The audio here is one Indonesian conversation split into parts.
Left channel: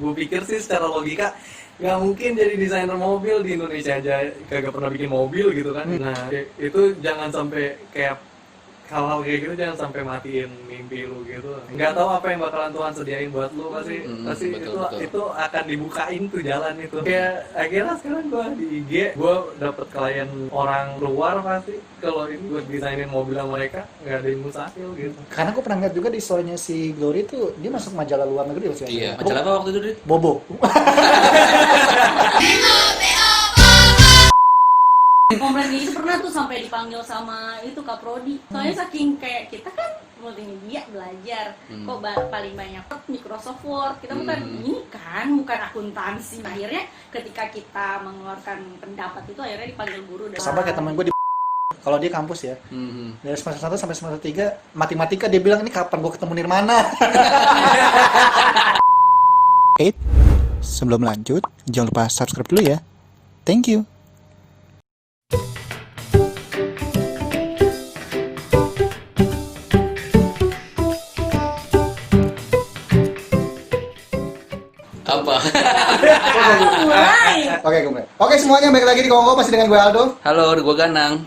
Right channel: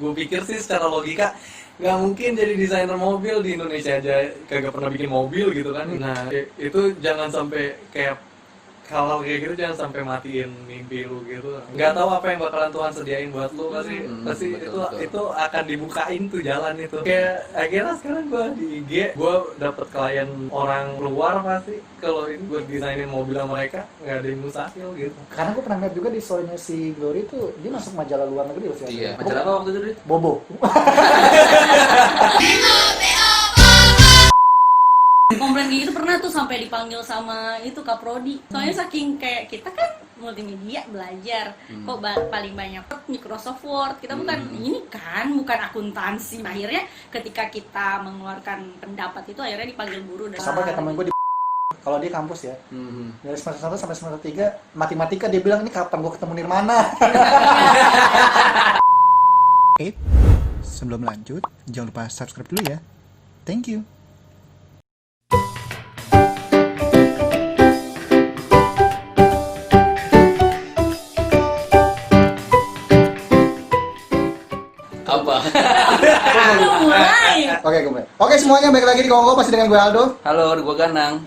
gue pikir sih secara logika nggak mungkin jadi desainer mobil di Indonesia aja kagak pernah bikin mobil gitu kan. Nah itu jangan sampai kayak hal-hal kayak gitu jangan sampai matiin mimpi lu gitu. Nggak tahu apa yang bakalan Tuhan sediain buat lu, pasti betul. Itu akan dibukain tuh jalan itu. Kayak akhirnya sekarang gue di IG gue dapet klien orang luar, pasti kalau ini buat desainin mobil mereka nggak ada yang mustahil gitu. Karena gue pernah lihat juga di story-nya si Glory tuh dia masuk majalah luar negeri loh sih. Iya, majalah apa waktu itu, Dit? Bobo. Komplain itu pernah tuh sampai dipanggil sama itu Kak Prodi. Soalnya saking kayak kita kan multimedia belajar, kok paling banyak Microsoft Word. Kita bukan ini kan, bukan akuntansi. Akhirnya ketika kita mengeluarkan pendapat itu akhirnya dipanggil guru. Sama kayak temen gue di kalau dia kampus ya. Dari semester 1 sampai semester 3 matematika dia bilang ini kapan gue ketemu Nirmana. Sebelum lanjut, jangan lupa subscribe dulu ya. Thank you. Oke, semuanya balik lagi di Kongko, masih dengan gue Aldo. Halo, gue Ganang.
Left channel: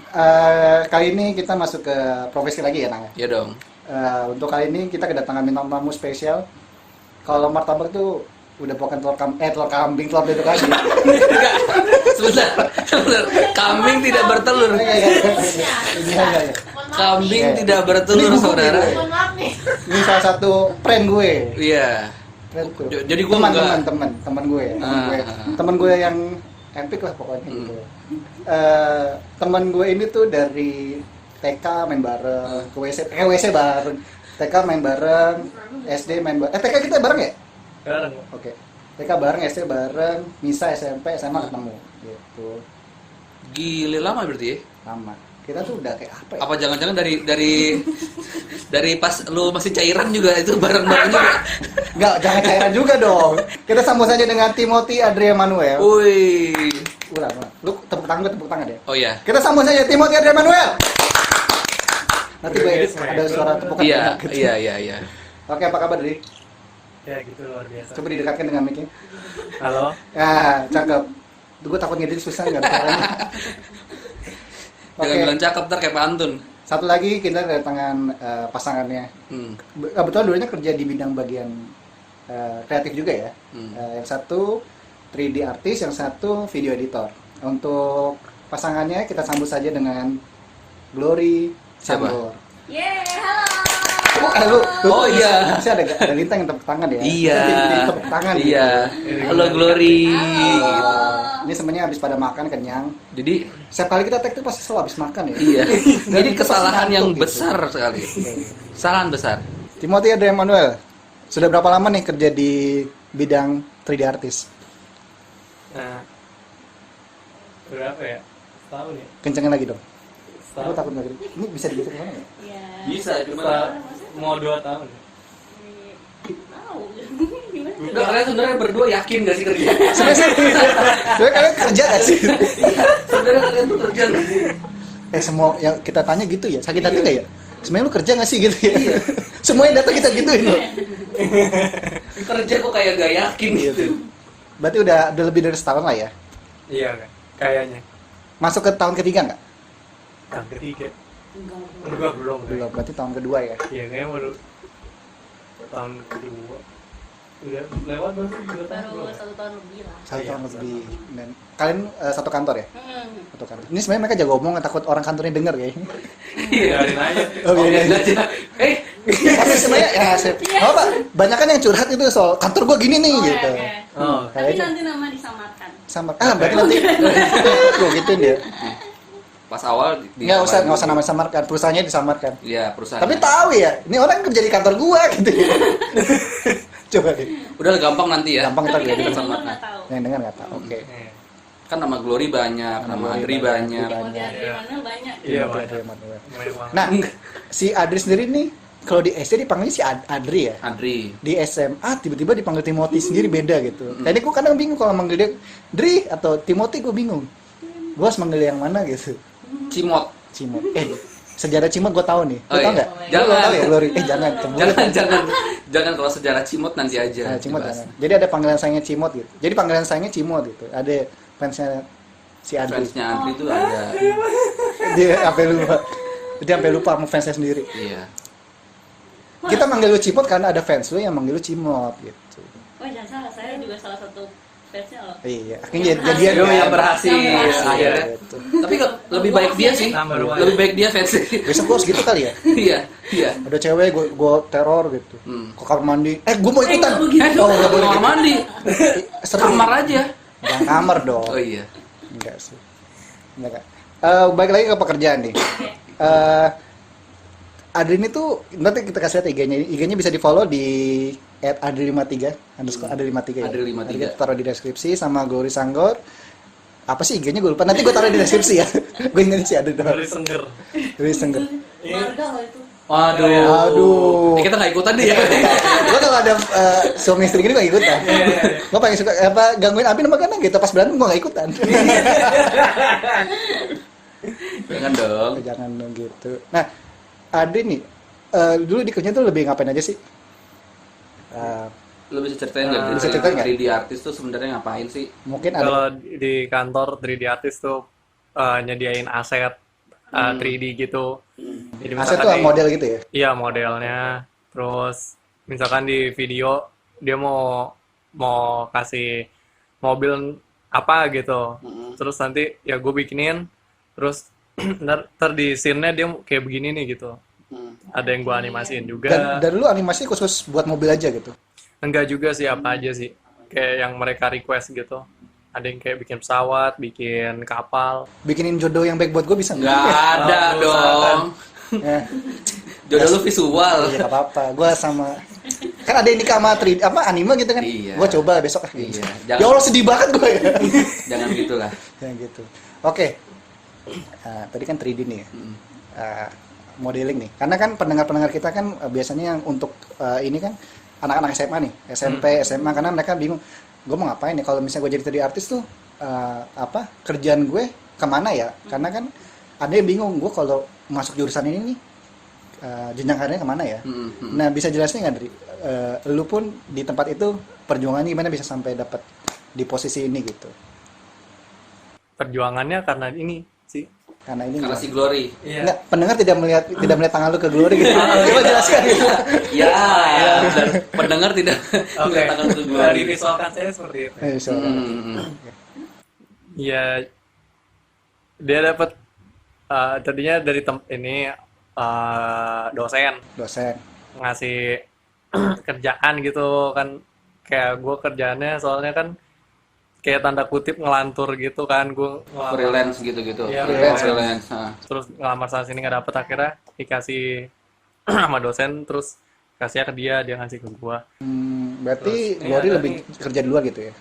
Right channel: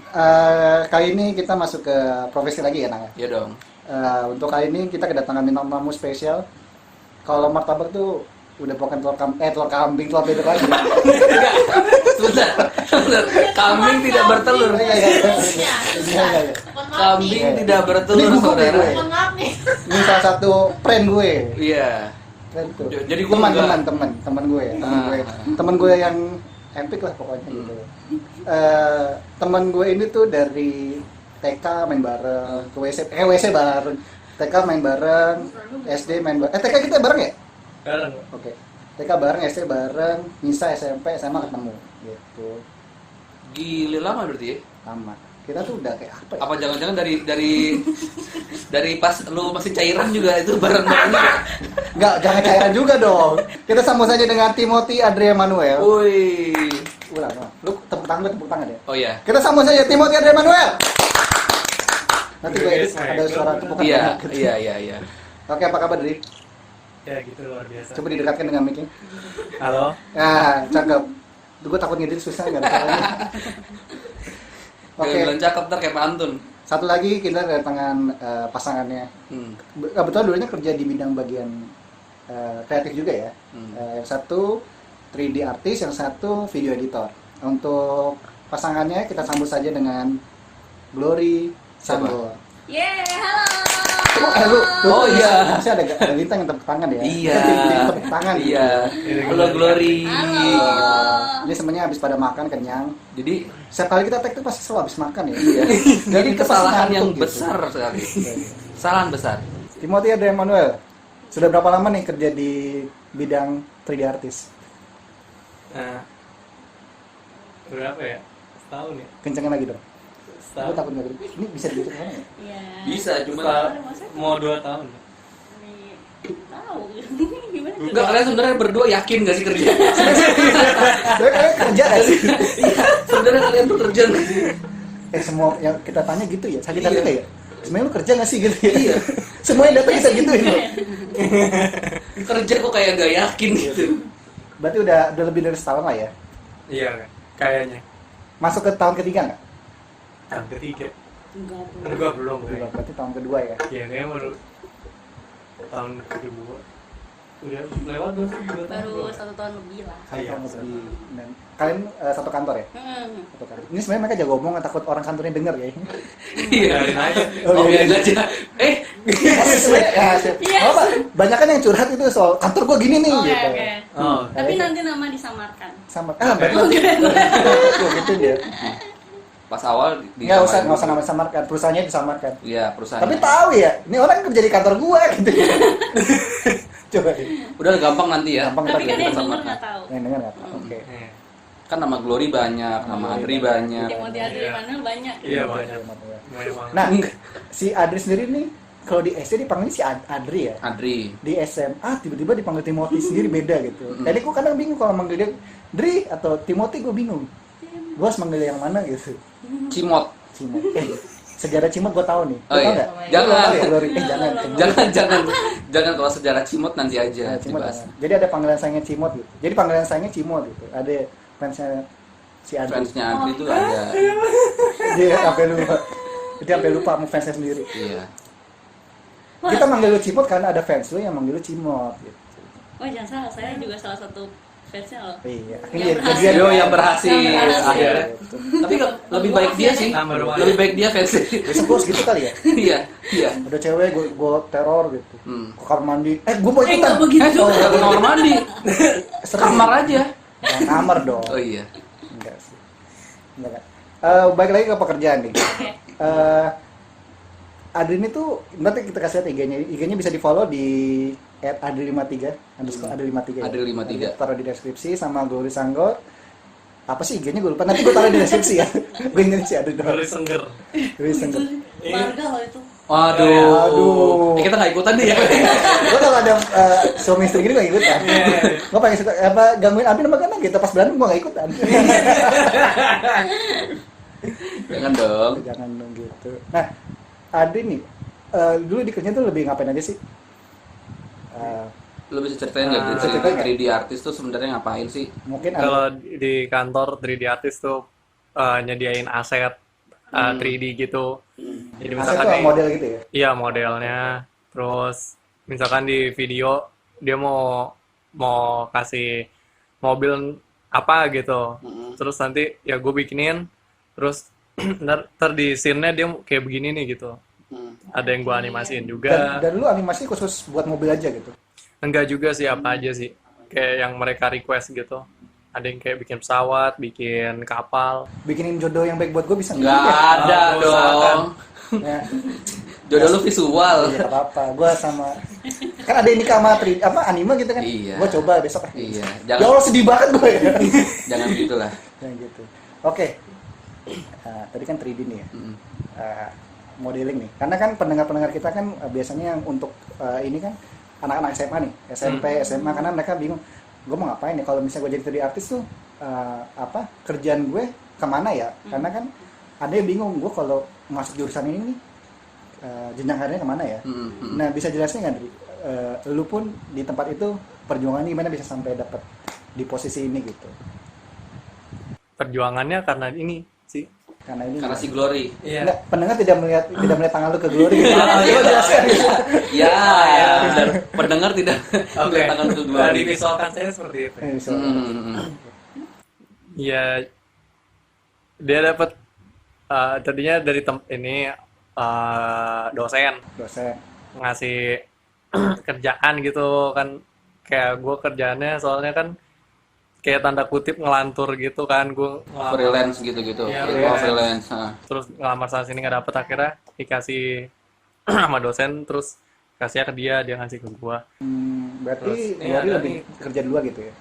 Kali ini kita masuk ke profesi lagi ya, Nang? Iya dong. Untuk kali ini kita kedatangan bintang tamu spesial. Kalau martabak tuh udah bukan telur kambing, telur bebek lagi. Sebentar. Kambing tidak bertelur. Kambing tidak bertelur, saudara. Ini salah satu friend gue. Iya. Jadi gue teman gue yang epic lah pokoknya gitu. Teman gue ini tuh dari TK main bareng, ke WC bareng, TK main bareng, SD main bareng. TK kita bareng ya? Bareng. Oke. TK bareng, SD bareng, MISA, SMP, SMA ketemu gitu. Gile lama berarti ya? Lama. Kita tuh udah kayak apa ya? Apa jangan-jangan dari pas lu masih cairan juga itu bareng-bareng juga? Enggak, jangan cairan juga dong. Kita sambut saja dengan Timothy Adria Manuel. Wih. Udah, lu tepuk tangan deh. Oh iya. Kita sambut saja Timothy Adria Manuel. Nanti gue edit ada suara tepukan. Iya. Oke, apa kabar, Dri? Ya gitu, luar biasa. Coba didekatkan dengan mic-nya. Halo. Nah, cakep. Gue takut ngedit susah enggak ada caranya. Jangan bilang cakep ntar kayak pantun. Satu lagi kita kedatangan pasangannya. Kebetulan dulunya kerja di bidang bagian kreatif juga ya. Yang satu 3D artist, yang satu video editor. Untuk pasangannya kita sambut saja dengan Glory Sanggor. Halo. Oh iya. Masih ada Lintang yang tepuk tangan ya. Iya. Tepuk tangan. Iya. Halo Glory. Ini semuanya habis pada makan kenyang. Jadi setiap kali kita tag tuh pasti selalu habis makan ya. iya. Jadi kita kesalahan pasti yang ngantuk besar sekali. Kesalahan besar. Timothy Adria Manuel, sudah berapa lama nih kerja di bidang 3D artist? Nah, berapa ya? Setahun ya? Kencengin lagi dong. Setahun. Aku takut nggak gede. Ini bisa digeser ke sana ya? Iya. Bisa cuma Mau 2 tahun. Tahu. enggak, kalian sebenarnya berdua yakin gak sih kerja? Sebenarnya kalian kerja nggak sih? Sebenarnya kalian tuh kerja nggak sih? Semua yang kita tanya gitu ya, sakit hati nggak ya? Sebenarnya lu kerja nggak sih gitu ya? Iya. Semuanya datang kita gituin loh. Kerja kok kayak gak yakin gitu. Berarti udah lebih dari setahun lah ya? Iya kan? Kayaknya. Masuk ke tahun ketiga nggak? Tahun ketiga. Enggak, belum. Belum, berarti tahun kedua ya? Iya, kayaknya baru tahun kedua. Udah lewat belum sih 2 tahun? Baru 1 tahun lebih lah. Satu Iya, tahun lebih. Dan kalian satu kantor ya? Hmm. Satu kantor. Ini sebenarnya mereka jago ngomong, takut orang kantornya denger ya. Iya. Biarin aja. Oh iya aja. Banyak kan yang curhat itu soal kantor gua gini nih Oke, gitu. oke. Oh. Tapi nanti nama disamarkan. Sama berarti nanti tuh gitu dia. Pas awal Nggak usah nama samarkan, perusahaannya disamarkan. Iya, perusahaan. Tapi tahu ya, ini orang kerja di kantor gua gitu. Coba deh. Udah gampang nanti ya. Gampang Tapi ntar kan ya. yang sama. dulu nggak tahu. Yang dengar nggak tahu. Oke. Iya. Kan nama Glory banyak, nama Adri banyak. Kemudian dari mana banyak. Iya, banyak. Banyak banget. Nah, si Adri sendiri nih kalau di SD dipanggilnya si Adri ya. Adri. Di SMA tiba-tiba dipanggil Timothy sendiri beda gitu. Tadi gue kadang bingung kalau manggil dia Dri atau Timothy, gue bingung. Gue harus manggil yang mana gitu. Cimot. Cimot. sejarah Cimot gue tahu nih. Oh iya. Nggak? Jangan. Glory. Jangan. Jangan kalau sejarah Cimot nanti aja Nah, Cimot. dibahas. Jadi ada panggilan sayangnya Cimot gitu. Jadi panggilan sayangnya Cimot gitu. Ada fansnya si Adri. Fansnya Andri itu ada. Dia sampai lupa sama fansnya sendiri. Iya. Kita manggil lu Cimot karena ada fans lu yang manggil lu Cimot gitu. Oh jangan salah, saya juga salah satu fansnya loh. Iya, akhirnya jadi Yo yang berhasil Yang berhasil. akhirnya. gitu. Tapi lebih baik dia sih. Tambah rumah. Lebih baik dia versi. Besok gue gitu kali ya. Iya, iya. Ada cewek gue teror gitu. Hmm. Ke kamar mandi. Gue mau ikutan. nggak begitu. Oh, Ke kamar mandi. seru. Kamar aja. Jangan kamar dong. Oh iya. Enggak sih. Enggak. Balik lagi ke pekerjaan nih. Adri ini tuh nanti kita kasih lihat IG-nya. IG-nya bisa di-follow di @adri53 _adri53 ya. Adri53. Kita taruh di deskripsi sama Glory Sanggor. Apa sih IG-nya gue lupa. Nanti gue taruh di deskripsi ya. Gue ingat sih Adri doang. Dari Sengger. Glory Sanggor. Warga loh itu. Waduh. Aduh. Kita nggak ikutan nih ya. Gue kalau ada suami istri gini gue ikutan. Gue paling suka gangguin Abi nama kadang gitu pas berantem gue gak ikutan. Jangan dong. Jangan dong gitu. Nah, Adri nih dulu di kerja tuh lebih ngapain aja sih? Lu bisa ceritain nggak bisa ceritain nggak? 3D artis tuh sebenarnya ngapain sih? Mungkin ada Kalau di kantor 3D artist tuh nyediain aset 3D gitu. Jadi aset misalkan tuh model gitu ya. iya modelnya. Terus misalkan di video dia mau kasih mobil apa gitu. Terus nanti ya gue bikinin. Terus ntar di scene-nya dia kayak begini nih gitu. Ada yang gue animasiin juga. Dan lu animasi khusus buat mobil aja gitu. Enggak juga sih, apa aja sih. Kayak yang mereka request gitu. Ada yang kayak bikin pesawat, bikin kapal. Bikinin jodoh yang baik buat gue bisa Nggak ada Oh, dong. Ya, Jodoh lu visual. iya gak apa-apa. Gue sama kan ada ini sama 3D apa anime gitu kan. Iya. Gue coba besok. Iya. Ya Allah sedih banget gue ya. Jangan gitulah. Yang gitu. Oke. Tadi kan 3D nih ya. Modeling nih. Karena kan pendengar-pendengar kita kan biasanya yang untuk ini kan anak-anak SMA nih, SMP, SMA karena mereka bingung, gue mau ngapain nih kalau misalnya gue jadi 3D artis tuh kerjaan gue kemana ya? Karena kan ada yang bingung, gue kalau masuk jurusan ini nih jenjang karirnya kemana ya? Nah bisa jelasin nggak Dri? Lu pun di tempat itu perjuangannya gimana bisa sampai dapat di posisi ini gitu? Perjuangannya karena ini sih. Karena ini Karena si Glory. Iya. Nggak, pendengar tidak melihat tangan lu ke Glory gitu. iya. Jelaskan gitu. Ya, dan pendengar tidak Oke. tangan ke Glory. Divisualkan saya seperti itu. So, Iya. Dia dapat tadinya dari ini dosen dosen. ngasih kerjaan gitu kan, kayak gue kerjaannya soalnya kan kayak tanda kutip ngelantur gitu kan, gue Freelance gitu-gitu. Iya, Freelance. terus ngelamar sana sini nggak dapet, akhirnya dikasih sama dosen, terus kasihnya ke dia ngasih ke gue. Berarti Terus, Glory iya, lebih kerja duluan gitu ya?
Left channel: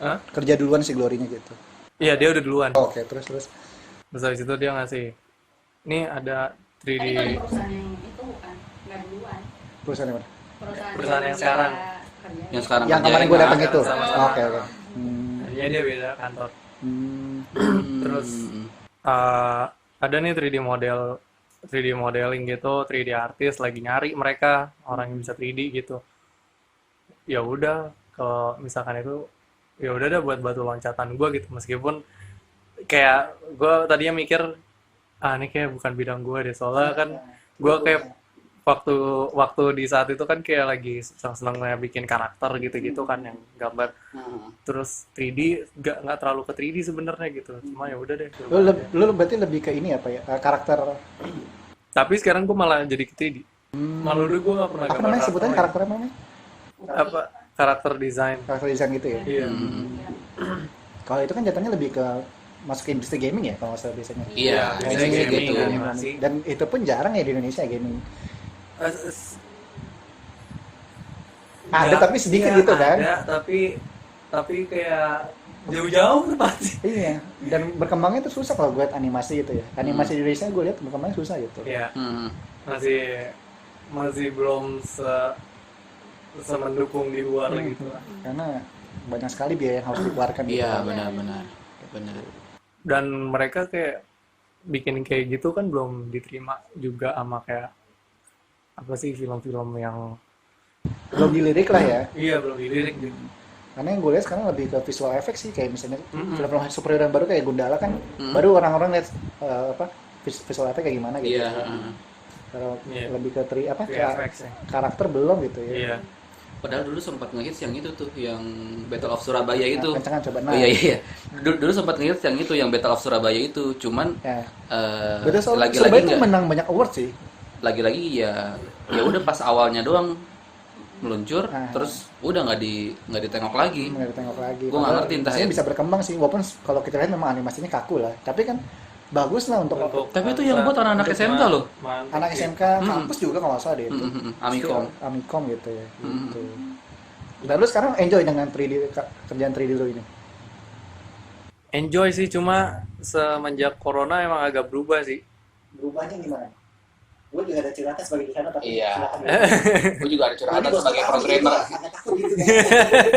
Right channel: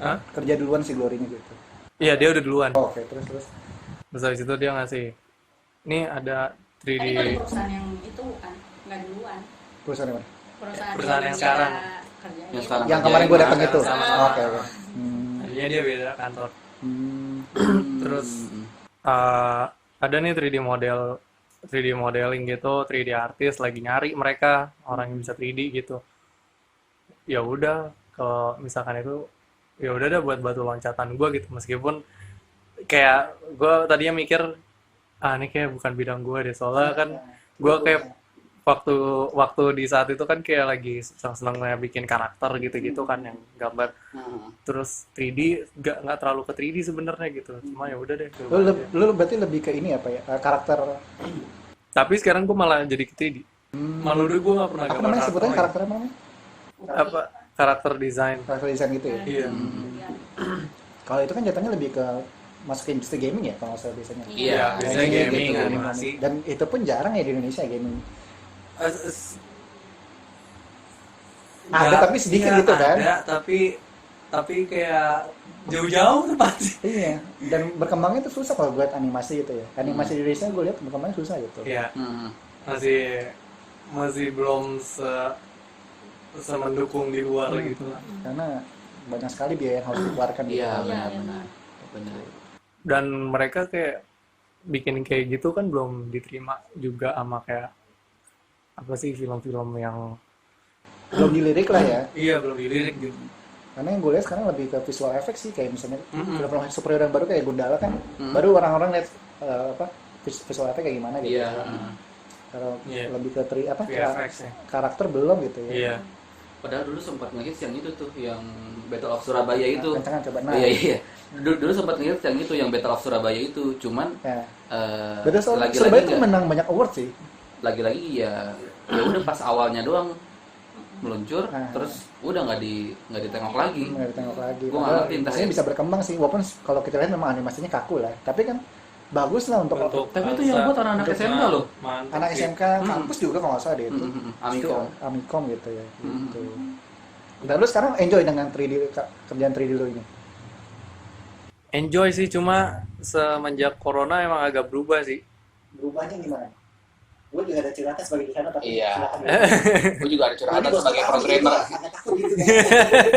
Hah? Kerja duluan si Glory-nya gitu. Iya, dia udah duluan. Oke, terus. Terus habis itu dia ngasih, nih ada 3D. Tadi kalau di perusahaan yang itu bukan, nggak duluan. Perusahaan yang mana? Perusahaan yang sekarang. Yang sekarang Yang kerjain. kemarin gue datang itu. sama-sama. Oke. Jadinya dia beda kantor. Terus Hmm. ada nih 3D modeling gitu, 3D artis lagi nyari mereka orang yang bisa 3D gitu. Ya udah, kalau misalkan itu ya udah dah buat batu loncatan gue gitu, meskipun kayak gue tadinya mikir ini kayak bukan bidang gue deh, soalnya kan gue kayak waktu di saat itu kan kayak lagi seneng-senengnya bikin karakter gitu-gitu kan, yang gambar. Terus 3D nggak terlalu ke 3D sebenarnya gitu, cuma ya udah deh. Lu berarti lebih ke ini apa ya? Karakter Tapi sekarang gue malah jadi ke 3D. Malah dulu gue nggak pernah apa gambar namanya sebutannya lagi. karakter apa namanya? Apa karakter design. Karakter desain gitu ya. Iya. Kalau itu kan jatuhnya lebih ke masuk ke industri gaming ya kalau nggak salah biasanya. Iya, biasanya biasanya gaming, gitu. animasi. Dan itu pun jarang ya di Indonesia gaming. Ada tapi sedikit gitu kan. Ada, tapi kayak jauh-jauh pasti. Iya, dan berkembangnya itu susah kalau gue liat animasi gitu ya. Animasi di Indonesia gue lihat berkembangnya susah gitu. Iya, Hmm. masih belum semendukung di luar gitu lah. Karena banyak sekali biaya yang harus dikeluarkan gitu. Iya, benar. Dan mereka kayak bikin kayak gitu kan belum diterima juga sama kayak apa sih film-film yang Belum dilirik lah ya. iya belum dilirik gitu. Karena yang gue lihat sekarang lebih ke visual effect sih, kayak misalnya film-film superhero yang baru kayak Gundala kan, baru orang-orang lihat visual effect kayak gimana gitu. Iya. Kalau Iya. lebih ke VFX ya. karakter belum gitu ya. Iya. Padahal dulu sempat ngehits yang itu tuh, yang Battle of Surabaya itu. Kencangan coba Oh iya iya. Dulu sempat ngehits yang itu, yang Battle of Surabaya itu. Cuman Ya. eh, Betul, lagi-lagi Surabaya tuh nggak- menang banyak award sih. lagi-lagi ya udah pas awalnya doang meluncur, Nah. terus udah nggak ditengok lagi. Nggak ditengok lagi. Gua nggak Padahal ngerti entah biasanya ya. bisa berkembang sih, walaupun kalau kita lihat memang animasinya kaku lah. Tapi kan bagus lah untuk Tapi itu yang buat anak-anak SMK loh. anak SMK kampus juga kalau nggak salah deh itu. Amikom. Amikom gitu ya. Gitu. Dan lu sekarang enjoy dengan 3D kerjaan 3D lu ini? Enjoy sih, cuma semenjak corona emang agak berubah sih. Berubahnya gimana? Gue juga ada curhatan sebagai desainer tapi Iya. silakan. Gue juga ada curhatan sebagai programmer. Agak takut gitu kan.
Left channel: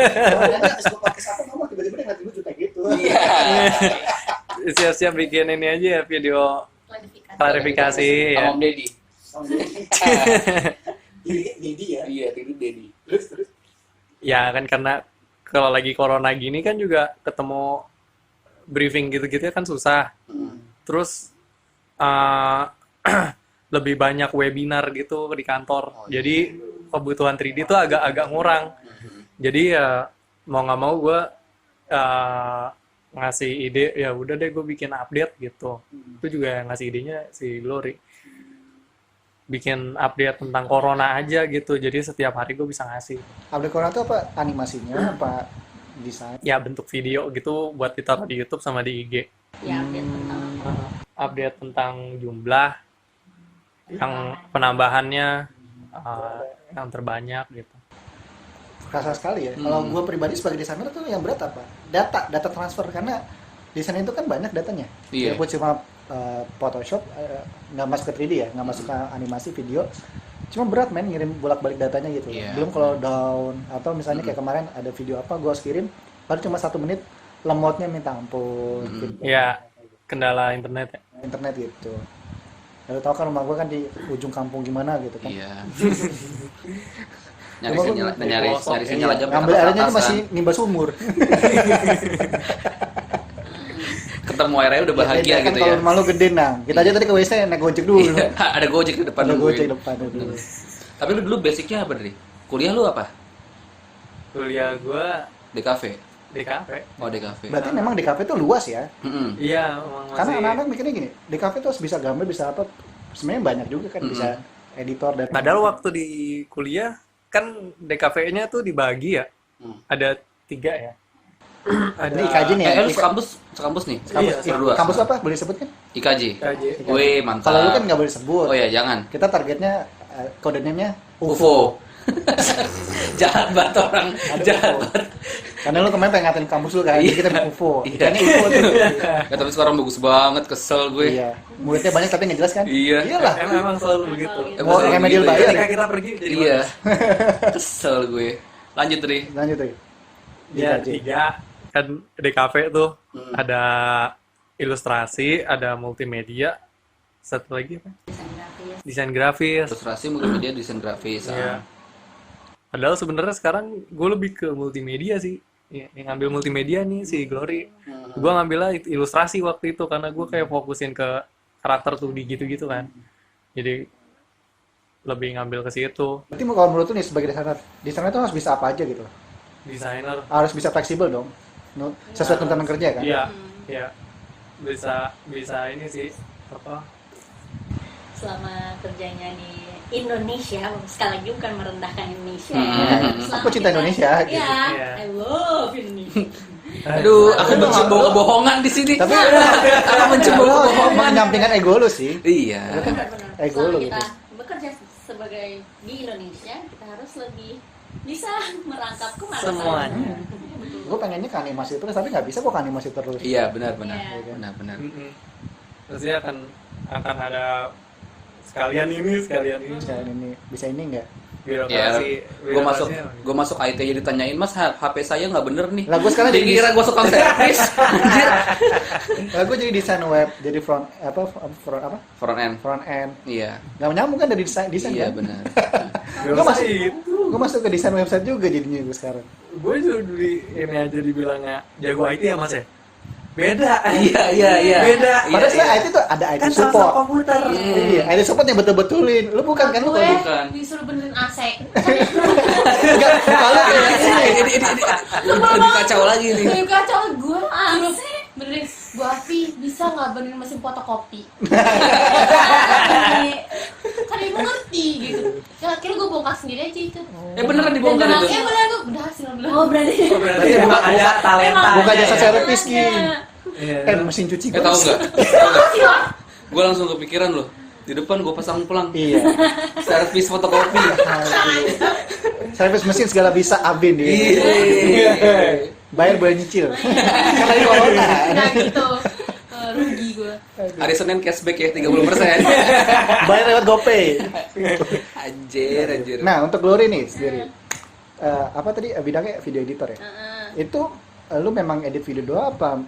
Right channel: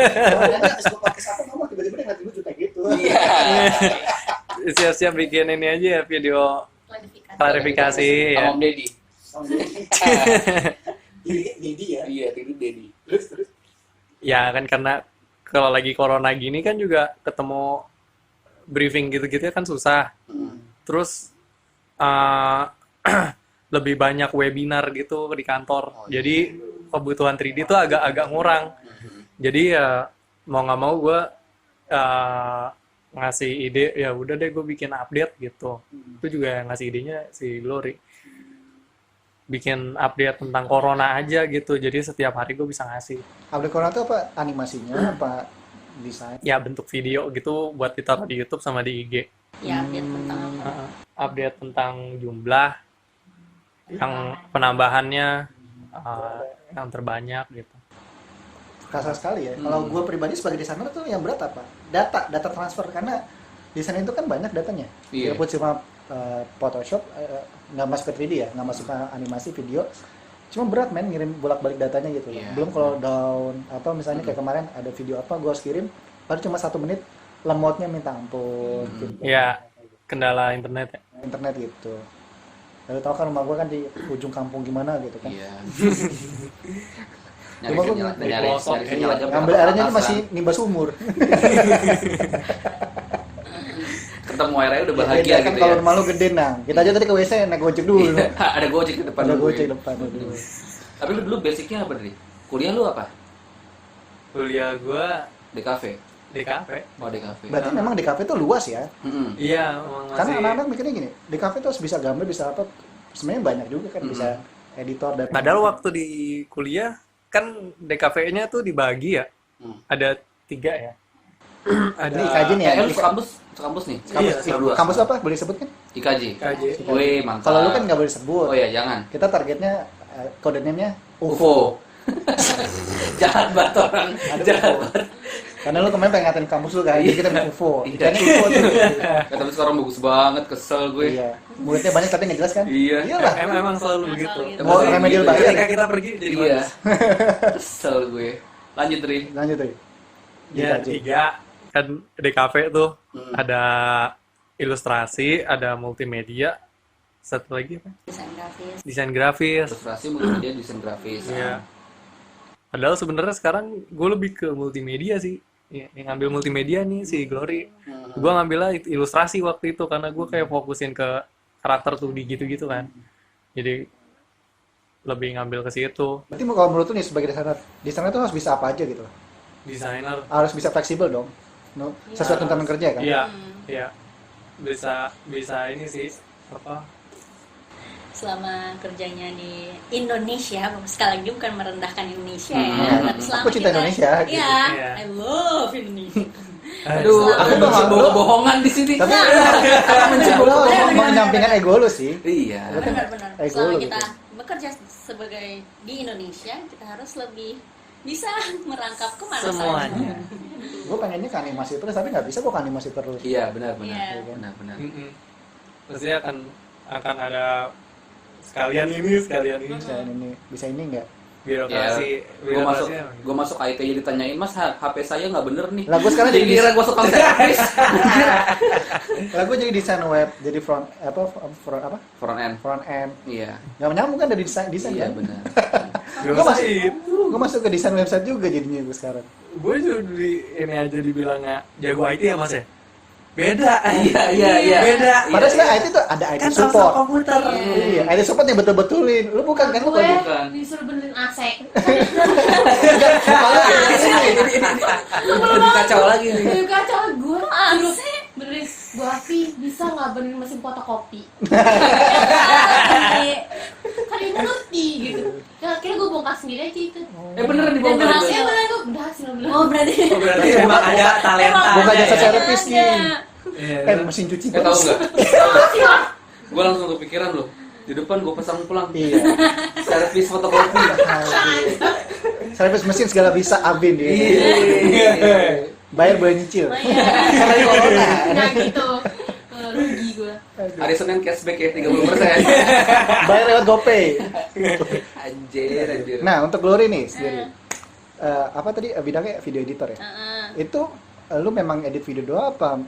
Kalau nanti habis gue pakai apa ngomong tiba-tiba dia ngeliat kayak gitu. Iya. Siap-siap bikin ini aja ya, video klarifikasi ya. Sama Om Deddy. Jadi ya. Iya, itu Deddy. Terus. Ya kan karena kalau lagi corona gini kan juga ketemu briefing gitu-gitu kan susah. Terus lebih banyak webinar gitu di kantor. Jadi kebutuhan 3D itu agak ngurang. Jadi ya mau nggak mau gue ngasih ide, ya udah deh gue bikin update gitu. Itu juga yang ngasih idenya si Glory. Bikin update tentang corona aja gitu. Jadi setiap hari gue bisa ngasih. Update corona itu apa? Animasinya apa desain? Ya bentuk video gitu buat ditaruh di YouTube sama di IG. Ya, update tentang apa? Update tentang jumlah, yang penambahannya, yang terbanyak gitu. Kerasa sekali ya. Kalau gue pribadi sebagai desainer tuh yang berat apa? Data transfer, karena desain itu kan banyak datanya. Iya. Dia pun cuma Photoshop, nggak masuk ke 3D ya, nggak masuk ke animasi video. Cuma berat men ngirim bolak-balik datanya gitu. Iya. Belum kalau down atau misalnya kayak kemarin ada video apa gue harus kirim, baru cuma 1 menit, lemotnya minta ampun. Gitu. Ya, kendala internet ya. Internet gitu. Lalu tahu kan rumah gue kan di ujung kampung gimana gitu kan. Iya. Cuma gua- Nyari sinyal aja. Ngambil airnya tuh masih nimba sumur. Ketemu airnya udah Ya, bahagia kan gitu kalau ya. rumah lu gede nah. Kita aja tadi ke WC naik gojek dulu. Iya, ada Gojek di depan Ada dulu. gojek depan dulu. Tapi lu dulu basicnya apa nih? Kuliah lu apa? Kuliah gue Di kafe. di kafe. Oh, di kafe. Berarti memang di kafe tuh luas ya. Mm-mm. Iya, emang Karena masih. anak-anak mikirnya gini, di kafe tuh harus bisa gambar, bisa apa. Sebenarnya banyak juga kan, bisa editor dan Padahal waktu di kuliah kan DKV-nya tuh dibagi ya. Ada 3 ya. Ada Ini IKJ nih ya. Lu sekampus nih? Iya, berdua. Kampus apa? Boleh disebut kan? IKJ. IKJ. Wih, mantap. Kalau lu kan nggak boleh sebut. Oh ya, jangan. Kita targetnya kode name-nya UFO. Jahat banget orang. Ada Jahat UFO. banget. Karena lu kemarin pengen ngatain kampus lu kan, jadi kita bilang UFO. Iya. Ikannya UFO tuh. Ya, tapi sekarang bagus banget, kesel gue. Iya. Muridnya banyak tapi nggak jelas kan? Iya. Iyalah. Emang selalu begitu. Mau Emang remedial gitu ya. bayar. Ketika kita pergi jadi Iya. bagus. Kesel gue. Lanjut, Ri. Lanjut deh. Ya, 3 kan DKV tuh ada ilustrasi, ada multimedia, satu lagi apa? Desain grafis. Desain grafis. Ilustrasi multimedia, desain grafis. Iya. Padahal sebenarnya sekarang gue lebih ke multimedia sih. Yang ngambil multimedia nih si Glory. Gue ngambilnya ilustrasi waktu itu karena gue kayak fokusin ke karakter tuh di gitu-gitu kan. Jadi lebih ngambil ke situ. Berarti kalau menurut lu nih sebagai desainer tuh harus bisa apa aja gitu? Desainer. Harus bisa fleksibel dong. Sesuai tuntutan kerja kan? Iya, iya. Bisa ini sih apa? Selama kerjanya di Indonesia, sekali lagi bukan merendahkan Indonesia ya. Iya. Selama Aku cinta kita- Indonesia, gitu. Iya, Iya. I love Indonesia. Aduh, Tapi aku dong, bisa lu- bohong-bohongan di sini. Tapi Mencibir. lu menyampingkan ego lu sih. Iya. Benar-benar. Ego Selama lo kita gitu. bekerja sebagai di Indonesia, kita harus lebih bisa merangkap kemana Semuanya. Gue pengennya ke animasi terus, tapi nggak bisa kok ke animasi terus. Iya, benar-benar. Iya. Benar-benar. Maksudnya akan ada sekalian ini. Bisa ini nggak? birokrasi. Gue masuk IT jadi ditanyain, Mas HP saya nggak bener nih. Lah gue sekarang jadi Dikira gue suka servis. lah gue jadi desain web, jadi front Front end. Iya. Nggak nyambung kan dari desain Iya kan? benar. Gue masuk, itu. gue masuk ke desain website juga jadinya gue sekarang. Gue juga ini aja dibilangnya jago IT ya Mas ya. Beda. Iya. Beda. Padahal sebenarnya IT tuh ada IT Kan support. sama komputer. Iya, IT support yang betul-betulin. Lu bukan kan lu gue kalau bukan. disuruh benerin AC. Lebih kacau lagi nih. Lebih kacau gue suruh benerin gue api bisa nggak benerin mesin fotokopi. Kan ibu ngerti gitu. Kira gue bongkar sendiri aja itu. Beneran dibongkar itu. Beneran gue berhasil beneran. Oh berarti Berarti memang ada talenta. bukan jasa ya. servis nih. Iya. Mesin cuci Tahu gas. nggak? Gue langsung kepikiran loh. Di depan gue pasang pelang. Iya. Servis fotokopi. Servis mesin segala bisa Abin dia. Iya. Bayar boleh nyicil. Kan lagi corona. Nah gitu. Rugi gue. Hari Senin cashback ya 30%. Bayar lewat GoPay. Anjir. Nah, untuk Glory nih sendiri. Apa tadi bidangnya video editor ya? Itu lu memang edit video doang apa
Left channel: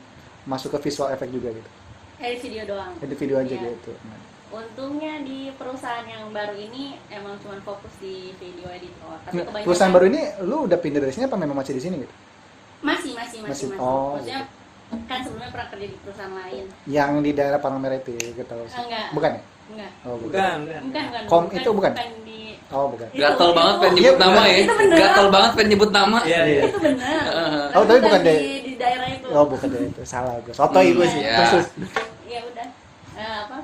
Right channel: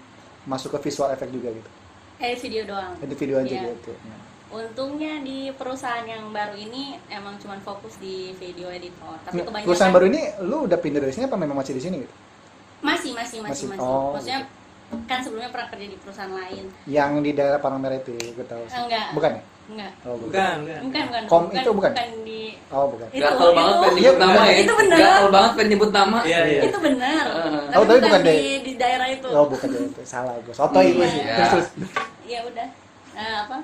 masuk ke visual effect juga gitu? edit video doang. Edit video aja Iya. gitu. Nah. Untungnya di perusahaan yang baru ini emang cuma fokus di video editor. Tapi Nah, kebanyakan perusahaan baru ini lu udah pindah dari sini apa memang masih di sini gitu? masih. Oh, Maksudnya kan sebelumnya pernah kerja di perusahaan lain. Yang di daerah Palmerah itu ya, gue tahu sih. Enggak. Bukan ya? Enggak. Oh, Bukan. Itu bukan? di Oh, bukan. Itu- Gatel banget itu- pengen nyebut nama ya. itu bener. Gatel banget pengen nyebut nama. Iya. itu benar. Oh, tapi bukan di daerah itu. Oh, bukan dari itu. Salah gue. Sotoy gue sih. Iya. Terus. Ya udah.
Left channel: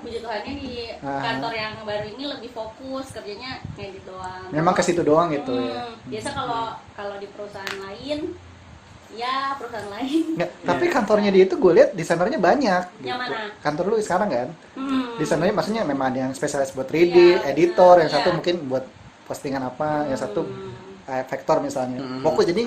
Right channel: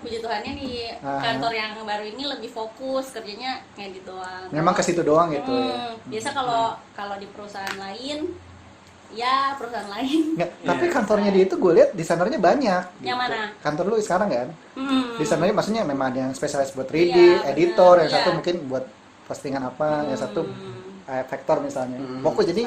Puji Tuhannya di kantor yang baru ini lebih fokus kerjanya ngedit doang. Memang ke situ doang gitu ya. Biasa kalau di perusahaan lain, ya perusahaan lain. Nggak, tapi kantornya dia itu gue lihat desainernya banyak. Yang gitu. mana? Kantor lu sekarang kan? Hmm. Desainernya maksudnya memang ada yang spesialis buat 3D, Iya, editor, yang iya. satu mungkin buat postingan apa, yang satu vektor misalnya. Fokus jadi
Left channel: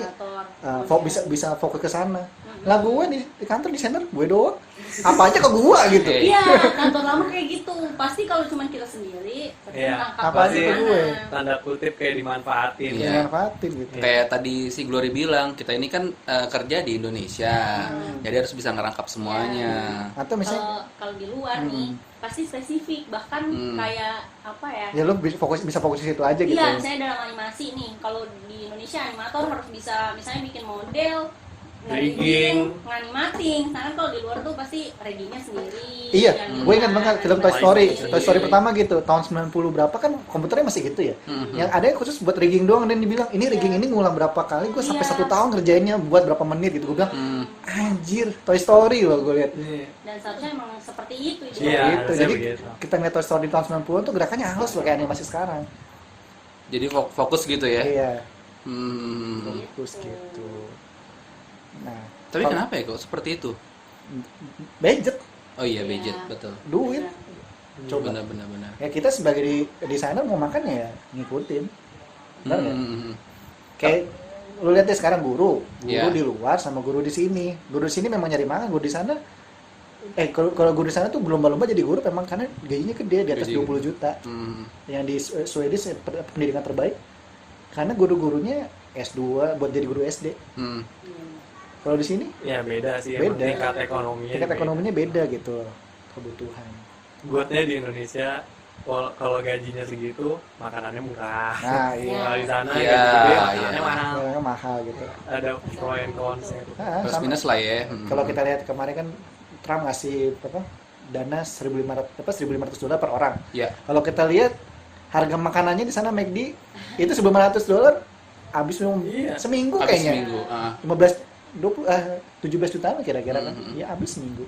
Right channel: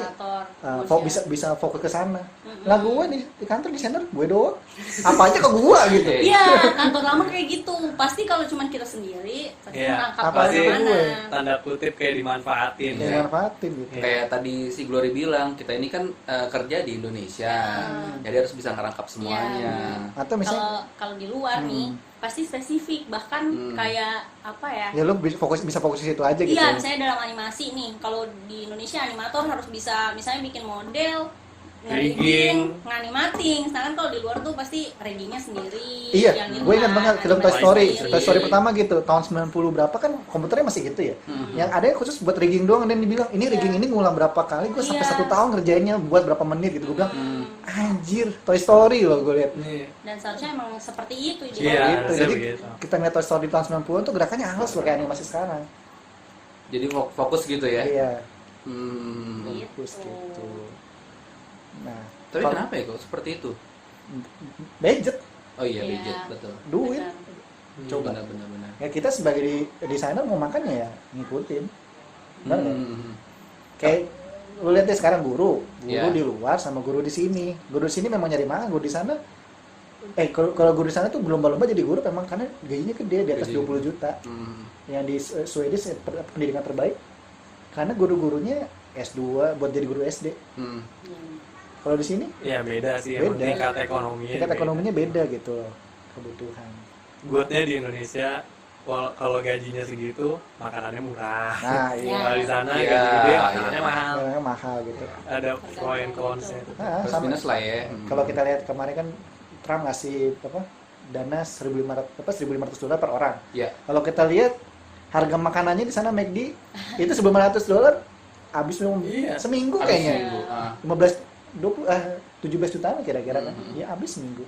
bisa fokus ke sana. Lah gue di kantor desainer gue doang. Apa aja ke gue gitu. Iya, kantor lama kayak gitu. Pasti kalau cuma kita sendiri, pasti Iya. ngangkat Apa aja ke kemana. gue. Tanda kutip kayak dimanfaatin. Kayak manfaatin gitu. Kayak tadi si Glory bilang, kita ini kan kerja di Indonesia. Jadi harus bisa ngerangkap semuanya. Atau misalnya Kalau di luar nih, pasti spesifik. Bahkan kayak apa ya? ya lu bisa fokus di situ aja gitu. Iya, misalnya dalam animasi nih, kalau di Indonesia animator harus bisa misalnya bikin model, Rigging. nganimating. Sedangkan kalau di luar tuh pasti riggingnya sendiri. Iya, yang gue ini ingat kan, banget film Toy animasi Story. sendiri. Toy Story pertama gitu, tahun 90 berapa kan komputernya masih gitu ya. Yang ada yang khusus buat rigging doang dan dibilang ini rigging ini ngulang berapa kali, gue sampai Iya. 1 tahun ngerjainnya buat berapa menit gitu. Gue bilang, anjir, Toy Story loh gue lihat. Dan seharusnya emang seperti itu. Iya, Gitu. harusnya Jadi begitu. kita ngeliat Toy Story tahun 90 tuh gerakannya halus loh kayak animasi sekarang. Jadi fokus gitu ya. Iya, Hmm. fokus gitu. Nah, Tapi kalau- kenapa ya kok seperti itu? budget, Oh iya, Iya. budget, betul. duit. Coba. Benar. Ya kita sebagai desainer mau makan ya ngikutin. Benar nggak? Hmm. Kayak lu lihat deh sekarang guru Iya. di luar sama guru di sini. Guru di sini memang nyari makan, guru di sana kalau guru di sana tuh belum lomba jadi guru memang karena gajinya gede di atas Gede. 20 juta. Hmm. Yang di Swedish pendidikan terbaik karena guru-gurunya S2 buat jadi guru SD. Hmm. Kalau di sini Ya beda sih, emang Beda. tingkat ekonominya. tingkat ekonominya beda gitu loh, kebutuhan. Goodnya di Indonesia, kalau gajinya segitu, makanannya murah. Nah, iya. Kalau di sana Iya, gaji gede, iya. makanannya mahal. Yang mahal gitu. Ada pro and cons. Nah, Plus sama. minus lah ya. Kalau kita lihat kemarin kan Trump ngasih dana 1.500 dolar per orang. ya. Kalau kita lihat harga makanannya di sana McD itu 1.500 dolar habis Iya. seminggu Habis kayaknya. seminggu. Ah. 17 jutaan kira-kira kan. Mhm. Ya habis seminggu.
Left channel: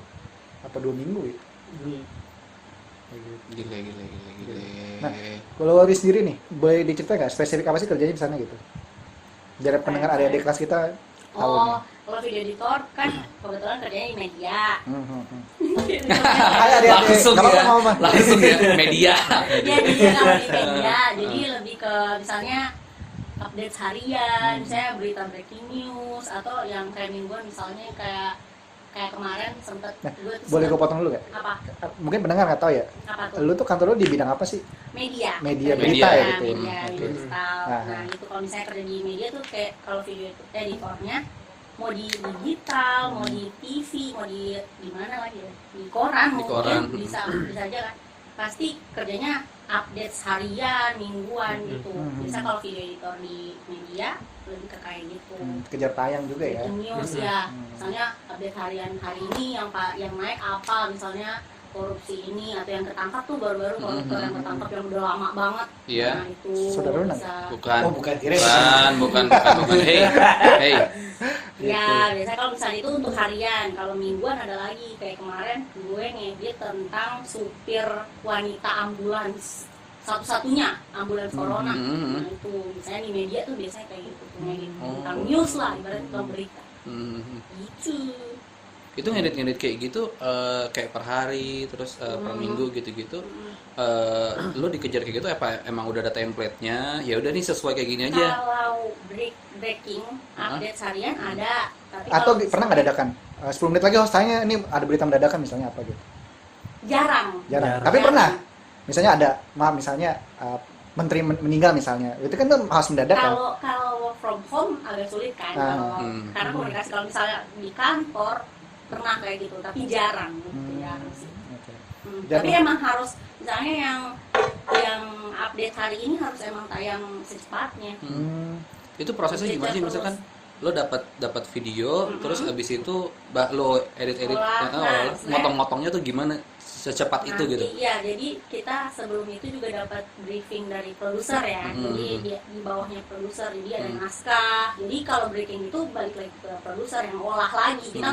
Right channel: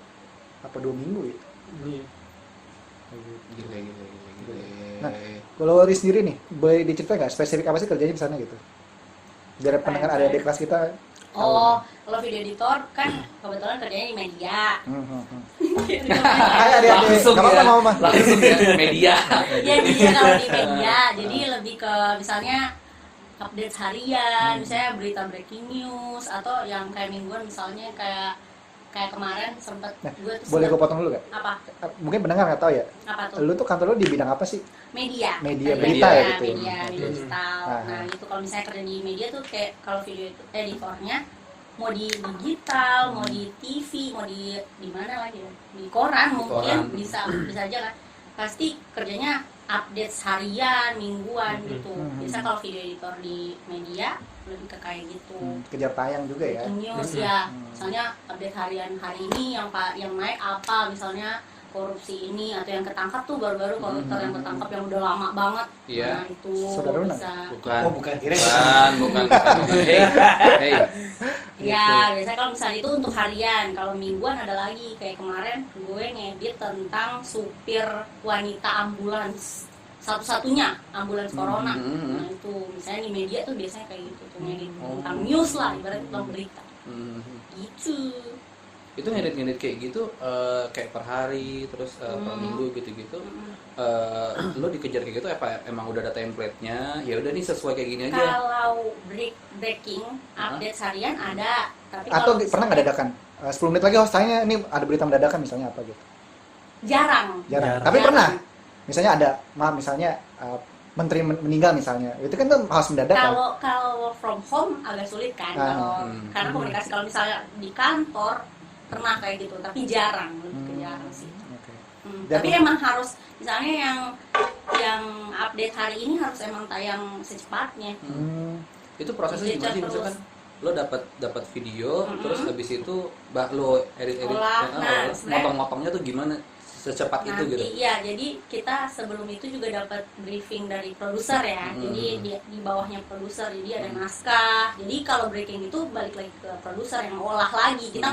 Apa 2 minggu ya? Kayak gitu. Gile. Nah, kalau Ori sendiri nih, boleh diceritain nggak spesifik apa sih kerjanya di sana gitu? Biar pendengar adik-adik kelas kita tahu. Oh, kalau video editor kan kebetulan kerjanya di media. Hai adik-adik, Langsung nggak apa-apa, ya. nggak apa-apa. Langsung ya media. Jadi kalau di media, jadi lebih ke misalnya update harian, misalnya berita breaking news atau yang kayak mingguan misalnya kayak kayak kemarin sempet Nah, gue tuh boleh gue sempet- potong dulu gak? apa Mungkin pendengar nggak tahu ya. apa tuh Lu tuh kantor lu di bidang apa sih? media Media berita ya gitu ya? media digital. Ah. Nah itu kalau misalnya kerja di media tuh kayak kalau video itu editornya mau di digital, mau di TV, mau di mana lagi ya? Di koran Di mungkin koran. bisa aja kan. Pasti kerjanya update harian, mingguan gitu. Bisa kalau video editor di media lebih ke kayak gitu. Kejar tayang juga ya. Breaking news ya, misalnya update harian hari ini yang naik apa, misalnya korupsi ini atau yang ketangkap tuh baru-baru koruptor yang ketangkap yang udah lama banget. Iya. Nah itu Saudara lu bisa. Bukan. Oh bukan kira Bukan. Hey, hey. Ya, biasanya kalau misalnya itu untuk harian, kalau mingguan ada lagi kayak kemarin gue ngedit tentang supir wanita ambulans satu-satunya ambulans corona. Nah itu misalnya di media tuh biasanya kayak gitu tuh ngedit tentang news lah, ibaratnya tentang berita. Gitu. Itu ngedit kayak gitu kayak per hari terus per minggu gitu-gitu. Lu dikejar kayak gitu apa emang udah ada template-nya? Ya udah nih sesuai kayak gini aja. Kalau breaking update harian ada, tapi Atau kalau pernah nggak dadakan? 10 menit lagi host tanya ini ada berita mendadak misalnya apa gitu. jarang. Jarang. Jarang. Tapi pernah. Misalnya ada, misalnya menteri meninggal misalnya. Itu kan tuh harus mendadak kan. Kalau from home agak sulit kan, karena komunikasi kalau misalnya di kantor pernah kayak gitu, tapi jarang gitu, jarang sih. Oke. Tapi emang harus misalnya yang update hari ini harus emang tayang secepatnya. Itu prosesnya gimana sih? Maksudnya kan lo dapat video terus habis itu lo edit Olah, nah, motong-motongnya tuh gimana secepat itu Nanti, gitu. Iya, jadi kita sebelum itu juga dapat briefing dari produser ya. Jadi di bawahnya produser, jadi ada naskah. Jadi kalau breaking itu balik lagi ke produser yang olah lagi. Kita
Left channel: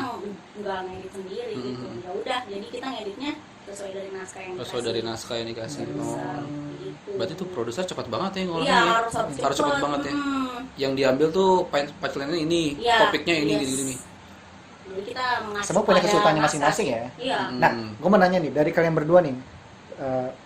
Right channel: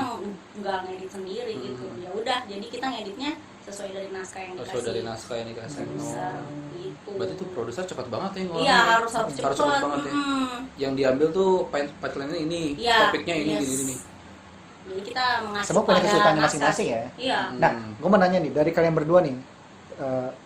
nggak ngedit sendiri gitu. Ya udah, jadi kita ngeditnya sesuai dari naskah yang Sesuai dari naskah yang dikasih. produser gitu. Berarti tuh produser cepat banget ya ngomongnya. Iya, harus cepat cepat. banget ya. Yang diambil tuh punchline-nya ini, Iya, topiknya ini yes. gini. Jadi kita mengasih Semua punya pada kesulitan naskah. masing-masing ya. Iya. Nah, gue mau nanya nih dari kalian berdua nih.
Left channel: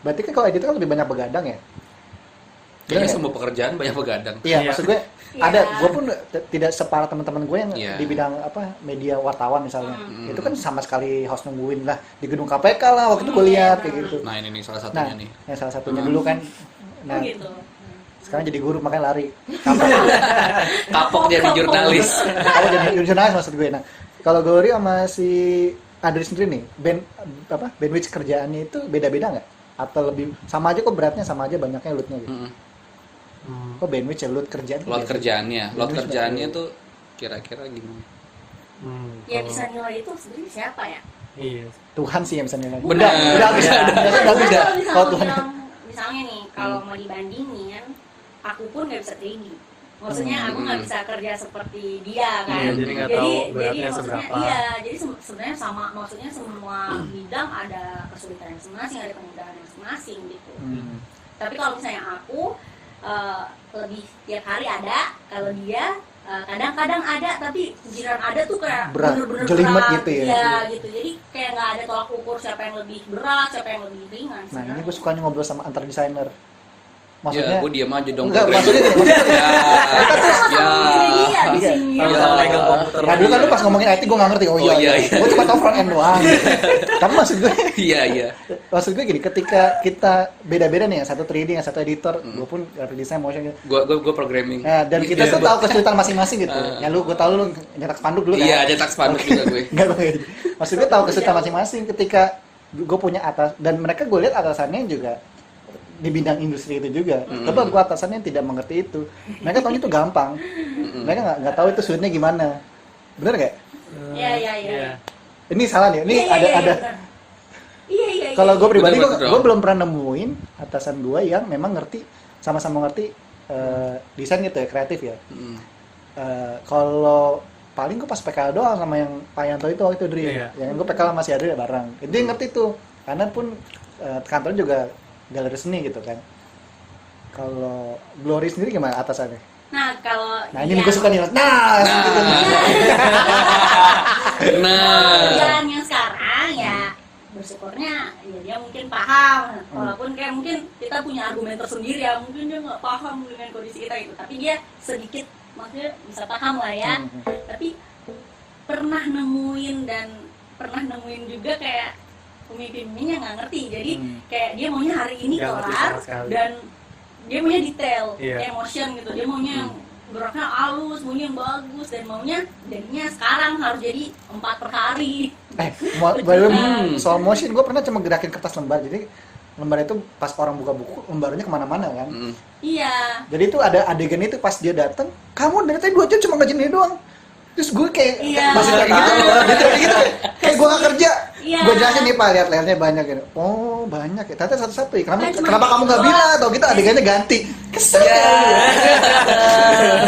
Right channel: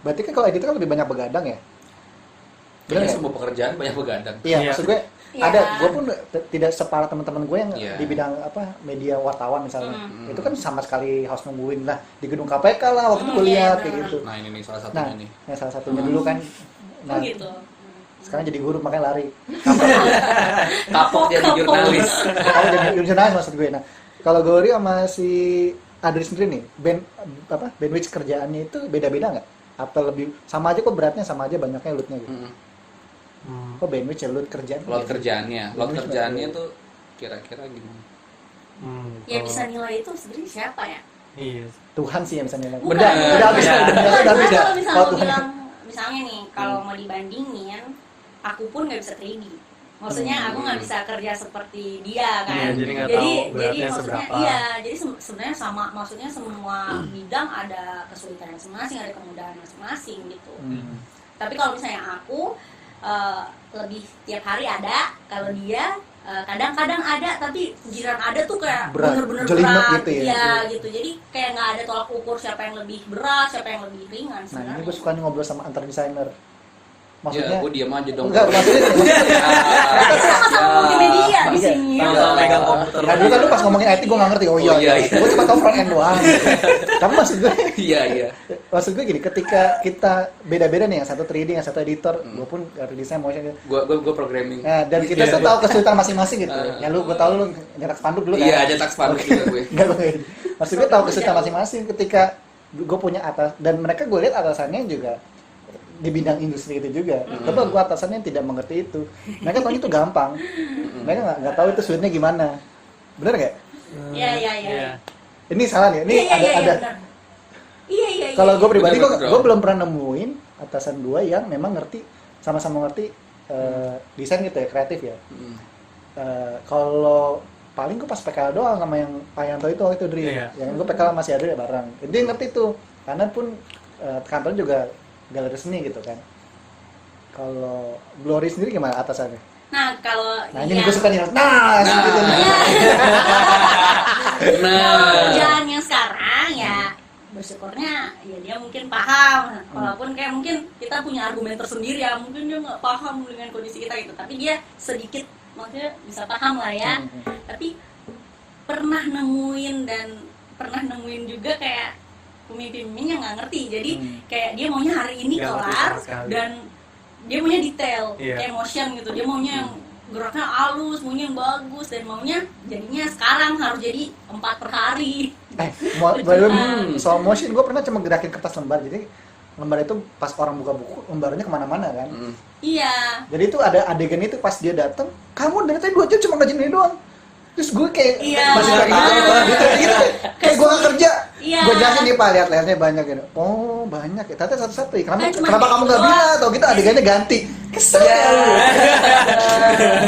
Berarti kan kalau edit kan lebih banyak begadang ya? Bener Kayaknya nggak? semua pekerjaan banyak begadang. Iya, Iya. maksud gue Iya. ada. Gue pun tidak separah teman-teman gue yang Iya. di bidang apa media wartawan misalnya. Itu kan sama sekali harus nungguin lah di gedung KPK lah waktu itu gue lihat kayak gitu. Nah, ini nih salah Nah, satunya nih. yang salah satunya dulu kan. Nah, Oh gitu. sekarang jadi guru makanya lari. Kapok jadi jurnalis. Kamu jadi jurnalis maksud gue. Nah, kalau Gori sama si Adri sendiri nih, bandwidth kerjaannya itu beda-beda nggak? Atau lebih sama aja kok beratnya sama aja banyaknya loadnya gitu? Kok bandwidth ya load kerjaan? Load kerjaannya tuh kira-kira gimana? Ya bisa nilai itu sebenarnya siapa ya? Iya. Tuhan sih yang bisa nilai. Benar. Udah habis, Iya. udah Kalau habis ya. Kalau misalnya Tuhan, bilang, misalnya nih, kalau mau dibandingin, aku pun nggak bisa 3D. Maksudnya aku nggak bisa kerja seperti dia kan. Iya, jadi nggak tahu beratnya maksudnya, seberapa. Iya, jadi sebenarnya sama, maksudnya semua bidang ada kesulitan masing-masing, ada kemudahan masing-masing gitu. Tapi kalau misalnya aku lebih tiap hari ada, kalau dia kadang-kadang ada, tapi giliran ada tuh kayak Berat, bener-bener jelimet berat. gitu ya. Iya gitu, jadi kayak nggak ada tolak ukur siapa yang lebih berat, siapa yang lebih ringan. nah ini gue suka nih ngobrol sama antar desainer. Ya, Maksudnya, gue diam aja dong. enggak, maksudnya Sama dia di sini. Sama-sama megang komputer. nah dulu kan lu pas ngomongin IT gue nggak ngerti, oh iya, Oh, iya, iya. iya. Gue cuma tau front end doang. Kamu Iya. maksud gue gini, ketika kita beda-beda nih, yang satu 3D, yang satu editor, gue pun graphic design, motion, Gue programming. nah, dan kita tuh tahu kesulitan masing-masing gitu. Ya lu, gue tahu lu nyetak spanduk dulu kan? Iya, cetak spanduk juga gue. Enggak, maksud gue tahu kesulitan masing-masing ketika gue punya atas, dan mereka gue lihat atasannya juga di bidang industri itu juga. Tapi gue atasannya tidak mengerti itu. Mereka tahu itu gampang. Mereka nggak tahu itu sulitnya gimana. Bener nggak? Iya. Ini salah nih. Ini ada. benar. Iya. Kalau gue pribadi, Bener, gue belum pernah nemuin atasan gue yang memang ngerti, sama-sama ngerti desain gitu ya, kreatif ya. Kalau paling gue pas PKL doang sama yang Pak Yanto itu waktu itu Dri. Iya. Yang gue PKL masih ada bareng. Dia ngerti tuh. Karena pun kantornya juga galeri seni gitu kan. Kalau Glory sendiri gimana atasannya? Nah kalau Nah ini gue suka nih. Nah, gitu nih. kalau kerjaan yang sekarang ya bersyukurnya ya dia mungkin paham, walaupun kayak mungkin kita punya argumen tersendiri ya, mungkin dia nggak paham dengan kondisi kita itu, tapi dia sedikit maksudnya bisa paham lah ya. Tapi pernah nemuin juga kayak pemimpinnya nggak ngerti, jadi kayak dia maunya hari ini Nggak ngerti kelar sama sekali. dan dia maunya detail, Iya. kayak motion gitu, dia maunya yang geraknya halus, maunya yang bagus, dan maunya jadinya sekarang harus jadi 4 per hari. Belum soal motion, gue pernah cuma gerakin kertas lembar, jadi lembar itu pas orang buka buku, lembarnya kemana-mana kan. Iya. Jadi itu ada adegan itu pas dia datang, kamu dari tadi 2 jam cuma ngajarin ini doang. Terus gue kayak Iya. masih kayak gitu, kayak gue gak kerja. Iya. Gue jelasin nih Pak, lihat layarnya banyak gitu. Oh banyak ya, ternyata satu-satu ya. Kan cuma Kenapa kamu gitu gak bilang atau gitu adegannya ganti? Kesel kali.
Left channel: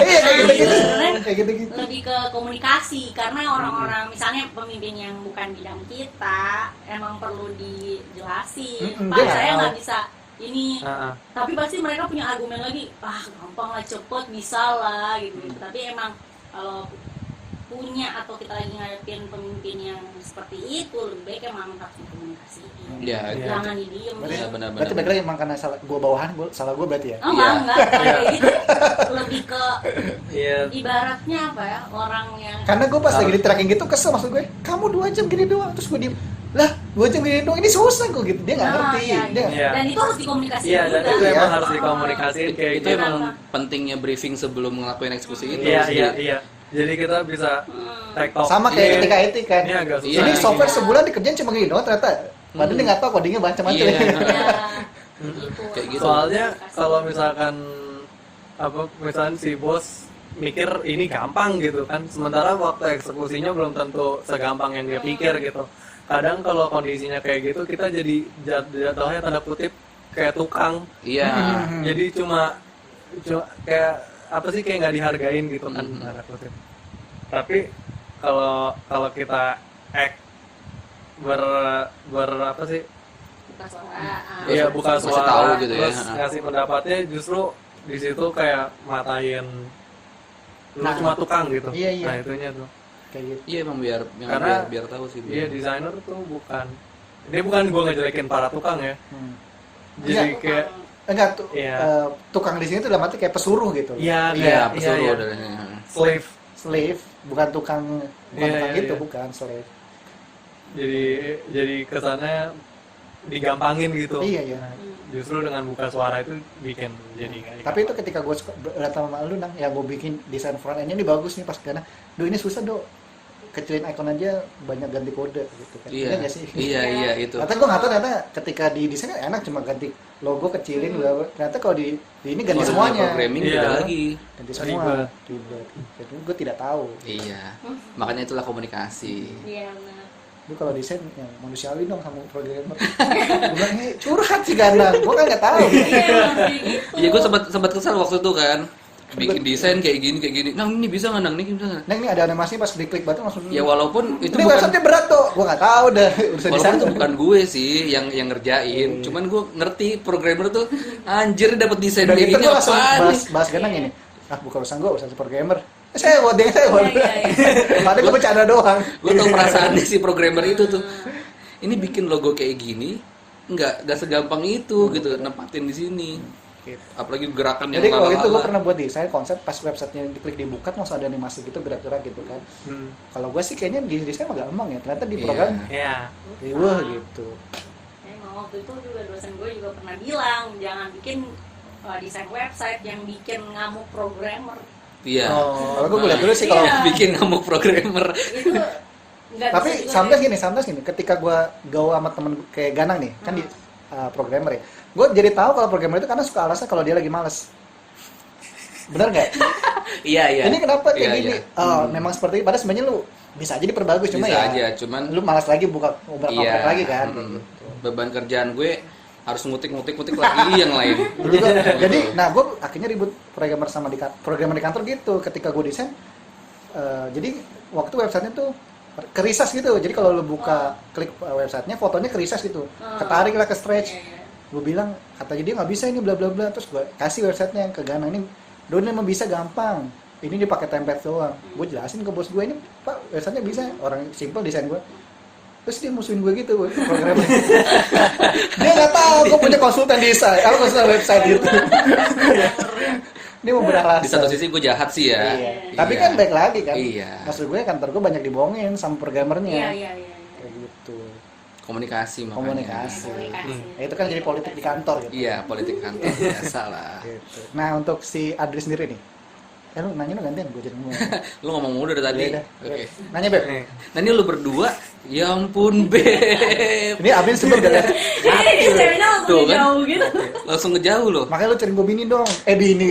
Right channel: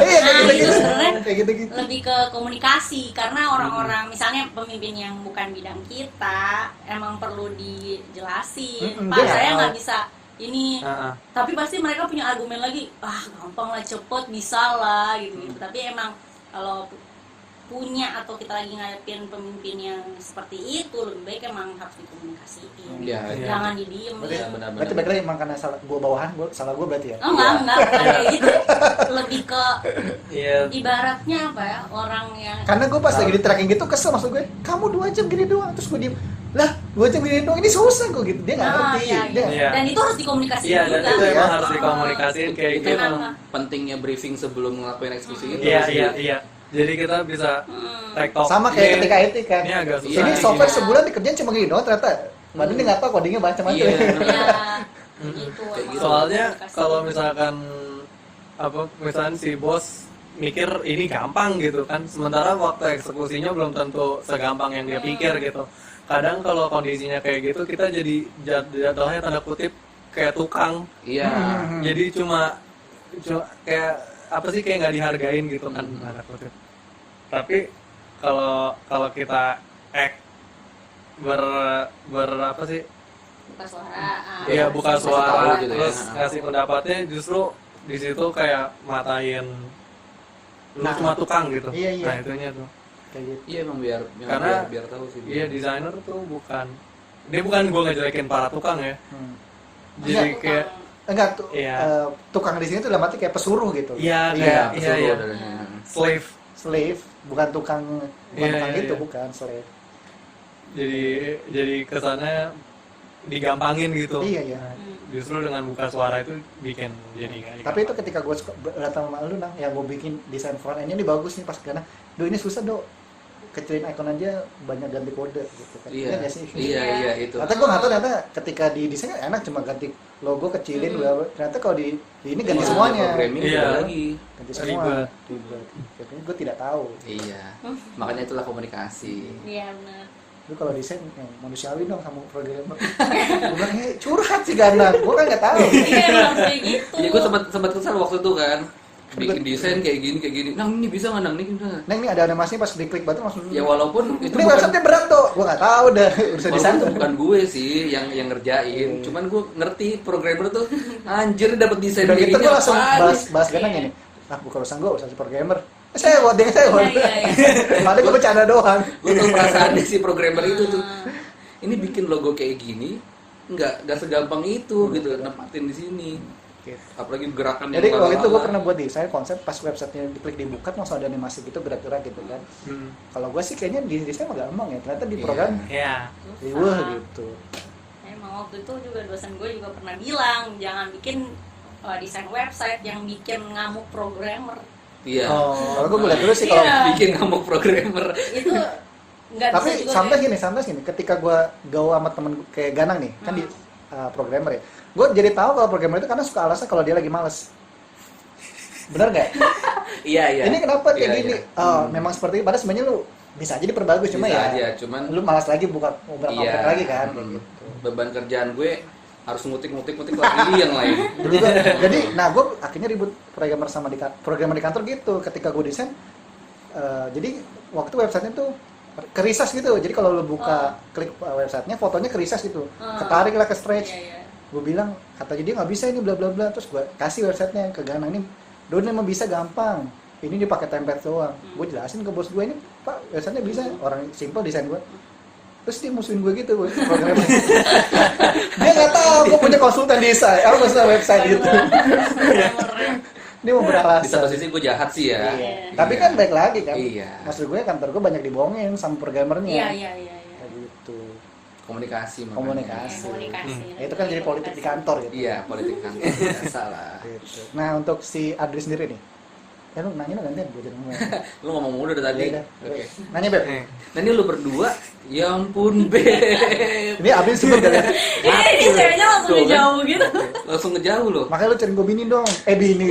Iya kayak gitu-gitu. Sebenarnya Kayak gitu-gitu. lebih ke komunikasi, karena orang-orang misalnya pemimpin yang bukan bidang kita emang perlu dijelasin. Pak, dia saya tahu. nggak bisa ini, Heeh. tapi pasti mereka punya argumen lagi, gampang lah, cepet, bisa lah gitu. Tapi emang kalau punya atau kita lagi ngadepin pemimpin yang seperti itu, lebih baik emang harus dikomunikasiin. Iya. Jangan didiem. Iya, benar-benar. Berarti balik lagi emang karena salah gue bawahan, salah gue berarti ya. Oh enggak kayak gitu. Lebih ke Iya. ibaratnya apa ya, orang yang Karena gue pas lagi di tracking gitu kesel, maksud gue, kamu 2 jam gini doang, terus gue diem, lah 2 jam gini doang, ini susah kok gitu, dia nggak ngerti, iya, dia Iya. dan itu harus dikomunikasikan Iya, dan juga. itu emang Iya. harus dikomunikasiin kayak Itu gitu. emang pentingnya briefing sebelum ngelakuin eksekusi itu. Iya, sih. iya, iya. Jadi kita bisa tektok. sama kayak ketika etik kan. Ini agak susah. Iya, Ini nih, software gini. sebulan dikerjain cuma gini doang ternyata. Padahal dia nggak tahu codingnya macam-macam. Iya. Iya. Mm-mm. Gitu. Kayak gitu. Soalnya kalau misalkan misalkan si bos mikir ini gampang gitu kan, sementara waktu eksekusinya belum tentu segampang yang dia pikir gitu. Kadang kalau kondisinya kayak gitu kita jadi jatuhnya tanda kutip kayak tukang. Iya. Jadi cuma kayak apa sih, kayak nggak dihargain gitu kan, tanda kutip. Tapi kalau kita ber apa sih, Buka suara. iya buka Kasih suara tahu gitu ya. terus ngasih pendapatnya, justru di situ kayak matain lu Nah, cuma tukang gitu. iya, iya. Nah itunya tuh. Kayak gitu. Iya, emang biar Karena- biar tahu sih. Iya, desainer tuh bukan gua ngejelekin para tukang ya. Jadi Iya. kayak Enggak tuh, Iya. tukang di sini tuh dalam arti kayak pesuruh gitu. iya Iya, kayak iya iya slave. Slave, bukan tukang Iya, tukang iya, gitu, iya. bukan slave. Jadi kesannya digampangin gitu. Iya, iya. Nah, justru dengan buka suara itu bikin jadi nggak Tapi itu digampangin. ketika gue datang sama lu nang, yang gue bikin desain front end ini bagus nih pas karena, ini susah dok, kecilin icon aja banyak ganti kode gitu kan. Iya. nggak sih? Iya, itu. Ternyata gue nggak tahu, ternyata ketika di desain enak cuma ganti logo kecilin, ternyata kalau di ini ganti semuanya, Programming Iya. beda lagi. ganti semua. Ribet. Jadi gue tidak tahu. Iya. Makanya itulah komunikasi. Iya benar. Lu kalau desain yang manusiawi dong sama programmer. Gue bilang ini curhat sih Ganang, gue kan nggak tahu. Iya harus kayak gitu. Iya, gue sempat kesal waktu itu kan. Bikin desain kayak gini. Nang, ini bisa nggak, Nang? Ini bisa nggak? Nah ini ada animasinya pas diklik batu langsung. Ya walaupun itu Ini bukan website berat tuh, gue nggak tahu dah urusan desain. walaupun bukan gue sih yang ngerjain. Cuman gue ngerti programmer tuh anjir dapat desain Udah kayak gitu gini gue langsung apaan nih? bahas Ganang ini. Bukan urusan gue, urusan si programmer. Saya buat dia, saya buat. Iya, iya, Ada gue bercanda doang. Gue tuh perasaannya si programmer itu tuh. Ini bikin logo kayak gini nggak segampang itu gitu nempatin di sini. Apalagi gerakan Jadi kalau itu gue ala-ala. pernah buat desain konsep pas websitenya diklik dibuka langsung ada animasi gitu gerak-gerak gitu kan. Kalau gue sih kayaknya di desain agak gampang ya, ternyata di Iya. program Iya. riweh gitu. Emang waktu itu juga dosen gue juga pernah bilang jangan bikin desain website yang bikin ngamuk programmer. Iya. Kalau gue lihat dulu sih kalau Iya. Bikin kamu programmer. Itu nggak tapi bisa juga sometimes gini, ketika gue gaul sama temen kayak Ganang nih, kan di programmer ya, gue jadi tahu kalau programmer itu karena suka alasan kalau dia lagi males. Bener nggak? Iya. Ini kenapa kayak Iya, gini? iya. Oh, memang seperti itu. Padahal sebenarnya lu bisa aja diperbagus, cuma Bisa ya aja, cuman lu malas lagi buka ngobrol iya. lagi kan. kayak gitu. Beban kerjaan gue harus ngutik lagi yang lain. Jadi, nah gue akhirnya ribut programmer sama programmer di kantor gitu. Ketika gue desain, jadi waktu websitenya tuh kerisas gitu. Jadi kalau lu buka klik websitenya, fotonya kerisas gitu. Ketarik lah ke stretch. Iya. Gue bilang, katanya dia nggak bisa ini bla bla bla. Terus gue kasih websitenya ke Ganang ini, Don emang bisa gampang. Ini dipakai template doang. Gue jelasin ke bos gue ini, Pak websitenya bisa. Orang simple desain gue. Terus dia musuhin gue gitu, programmer. Dia nggak tahu gue punya konsultan desain, konsultan website gitu. Ini mau beralasan. Di satu sisi gue jahat sih ya. Iya. Tapi kan baik lagi kan. Iya. Maksud gue kantor gue banyak dibohongin sama programmernya. Iya. Kayak gitu. Komunikasi makanya. Komunikasi. Komunikasi. Ya, itu kan jadi politik di kantor gitu. Iya, politik kantor biasa lah. Gitu. Nah, untuk si Adri sendiri nih. Ya lu nanya lu gantian gue jadi ngomong. Lu ngomong mulu dari tadi. Iya, Oke. Nanya, Beb. Nah ini lu berdua, ya ampun Beb. Ini Abin sebelum gak ya? Ini ceweknya langsung Tuh, kan? jauh gitu. Langsung ngejauh loh. Makanya lu cari gue bini dong. Bini.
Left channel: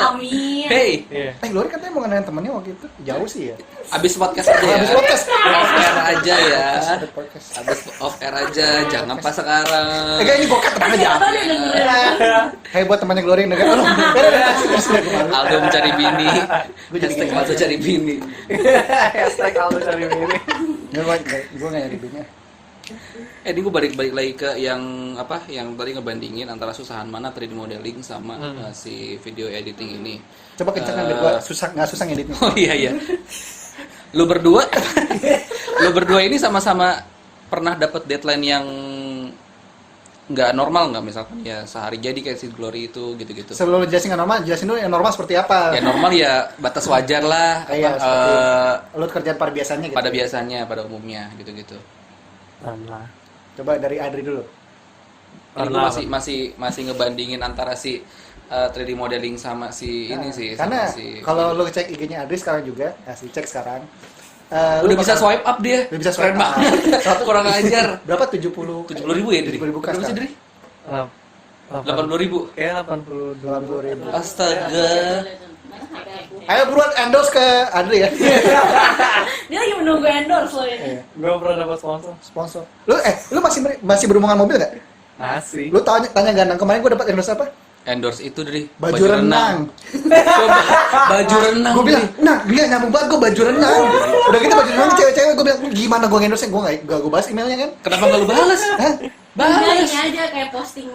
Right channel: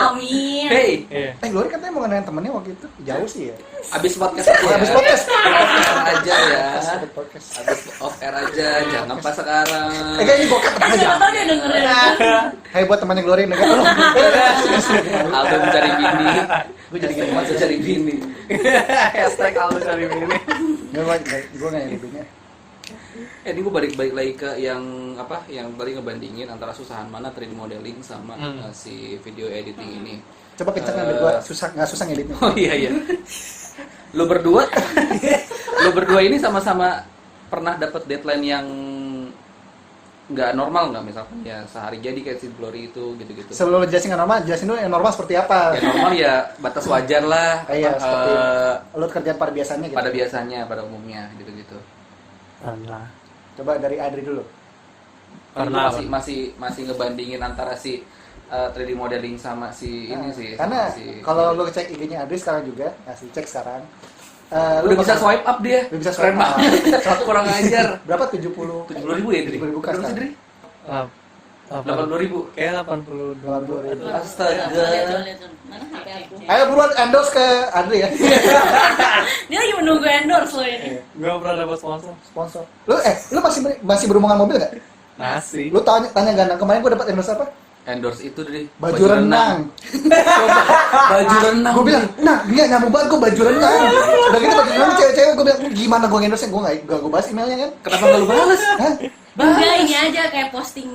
Amin. Hey, Iya. Glory katanya mau ngenalin temennya waktu itu. Jauh sih ya. abis podcast aja ya. Habis podcast. Off air aja ya. Habis podcast. Abis off air aja, jangan pas sekarang. Ini gue kan temannya Siapa jangan. tahu dia dengerin. Hai buat temannya Glory nih. Aldo mencari bini. Hashtag Aldo cari bini. Hashtag Aldo cari bini. Gue gak nyari dunia. Ini gue balik lagi ke yang apa? Yang tadi ngebandingin antara susahan mana 3D modeling sama si video editing ini. Coba kencang biar gue gak susah ngeditnya. Oh iya. Lu berdua ini sama-sama pernah dapat deadline yang nggak normal nggak, misalkan ya sehari jadi kayak si Glory itu gitu-gitu. Sebelum lu jelasin nggak normal, jelasin dulu yang normal seperti apa. Ya normal ya batas wajar lah. Iya, seperti lu kerjaan pada biasanya gitu. Pada biasanya, pada umumnya gitu-gitu. Pernah. Coba dari Adri dulu. Pernah. Masih ngebandingin antara si 3D modeling sama si ini sih. Karena sama si kalau lu cek IG-nya Adri sekarang juga, lu cek sekarang. udah bisa swipe up dia. Udah bisa swipe Keren up. banget. Kurang ajar. Berapa? 70.000 ya, Dri? 70.000 Berapa sih, Dri? 80.000. 80.000. Kayak 82. Astaga. Ayo buruan endorse ke Adri ya. Dia lagi menunggu endorse loh ini. Gue pernah dapat sponsor. Sponsor. Lu masih berhubungan mobil nggak? Masih. Lu tanya gandang kemarin gue dapat endorse apa? Endorse itu, Dri. Baju renang. Baju renang. Gue bilang, nah dia nyambung banget gue baju renang. Udah gitu baju renang cewek-cewek gue bilang, gimana gue endorse gue nggak gue bahas emailnya kan? Kenapa nggak lu balas? Hah? Udah ini aja kayak posting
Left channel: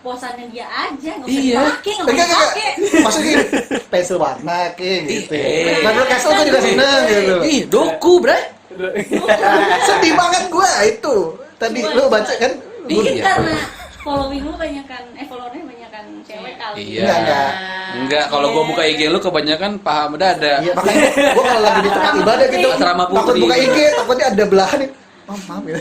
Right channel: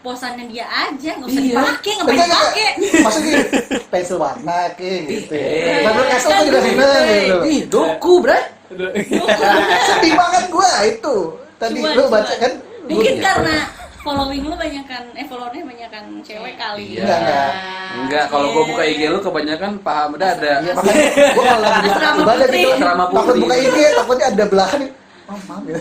posannya dia aja, nggak usah Iya. dipakai, nggak usah dipakai. Maksudnya gini, pensil warna kayak gitu. Nah, lu kasih tuh juga Eh, seneng gitu. Ih, doku, bre. Sedih banget gua itu. Tadi Cuma- lu baca kan? Mungkin Iya. karena following lu followernya banyak kan cewek kali. Iya. Enggak. Enggak, kalau gua buka IG lu kebanyakan paham dada. Iya, makanya gua kalau lagi di Asrama ibadah putri. gitu, Asrama takut putri. buka IG, takutnya ada belahan. Oh, maaf ya.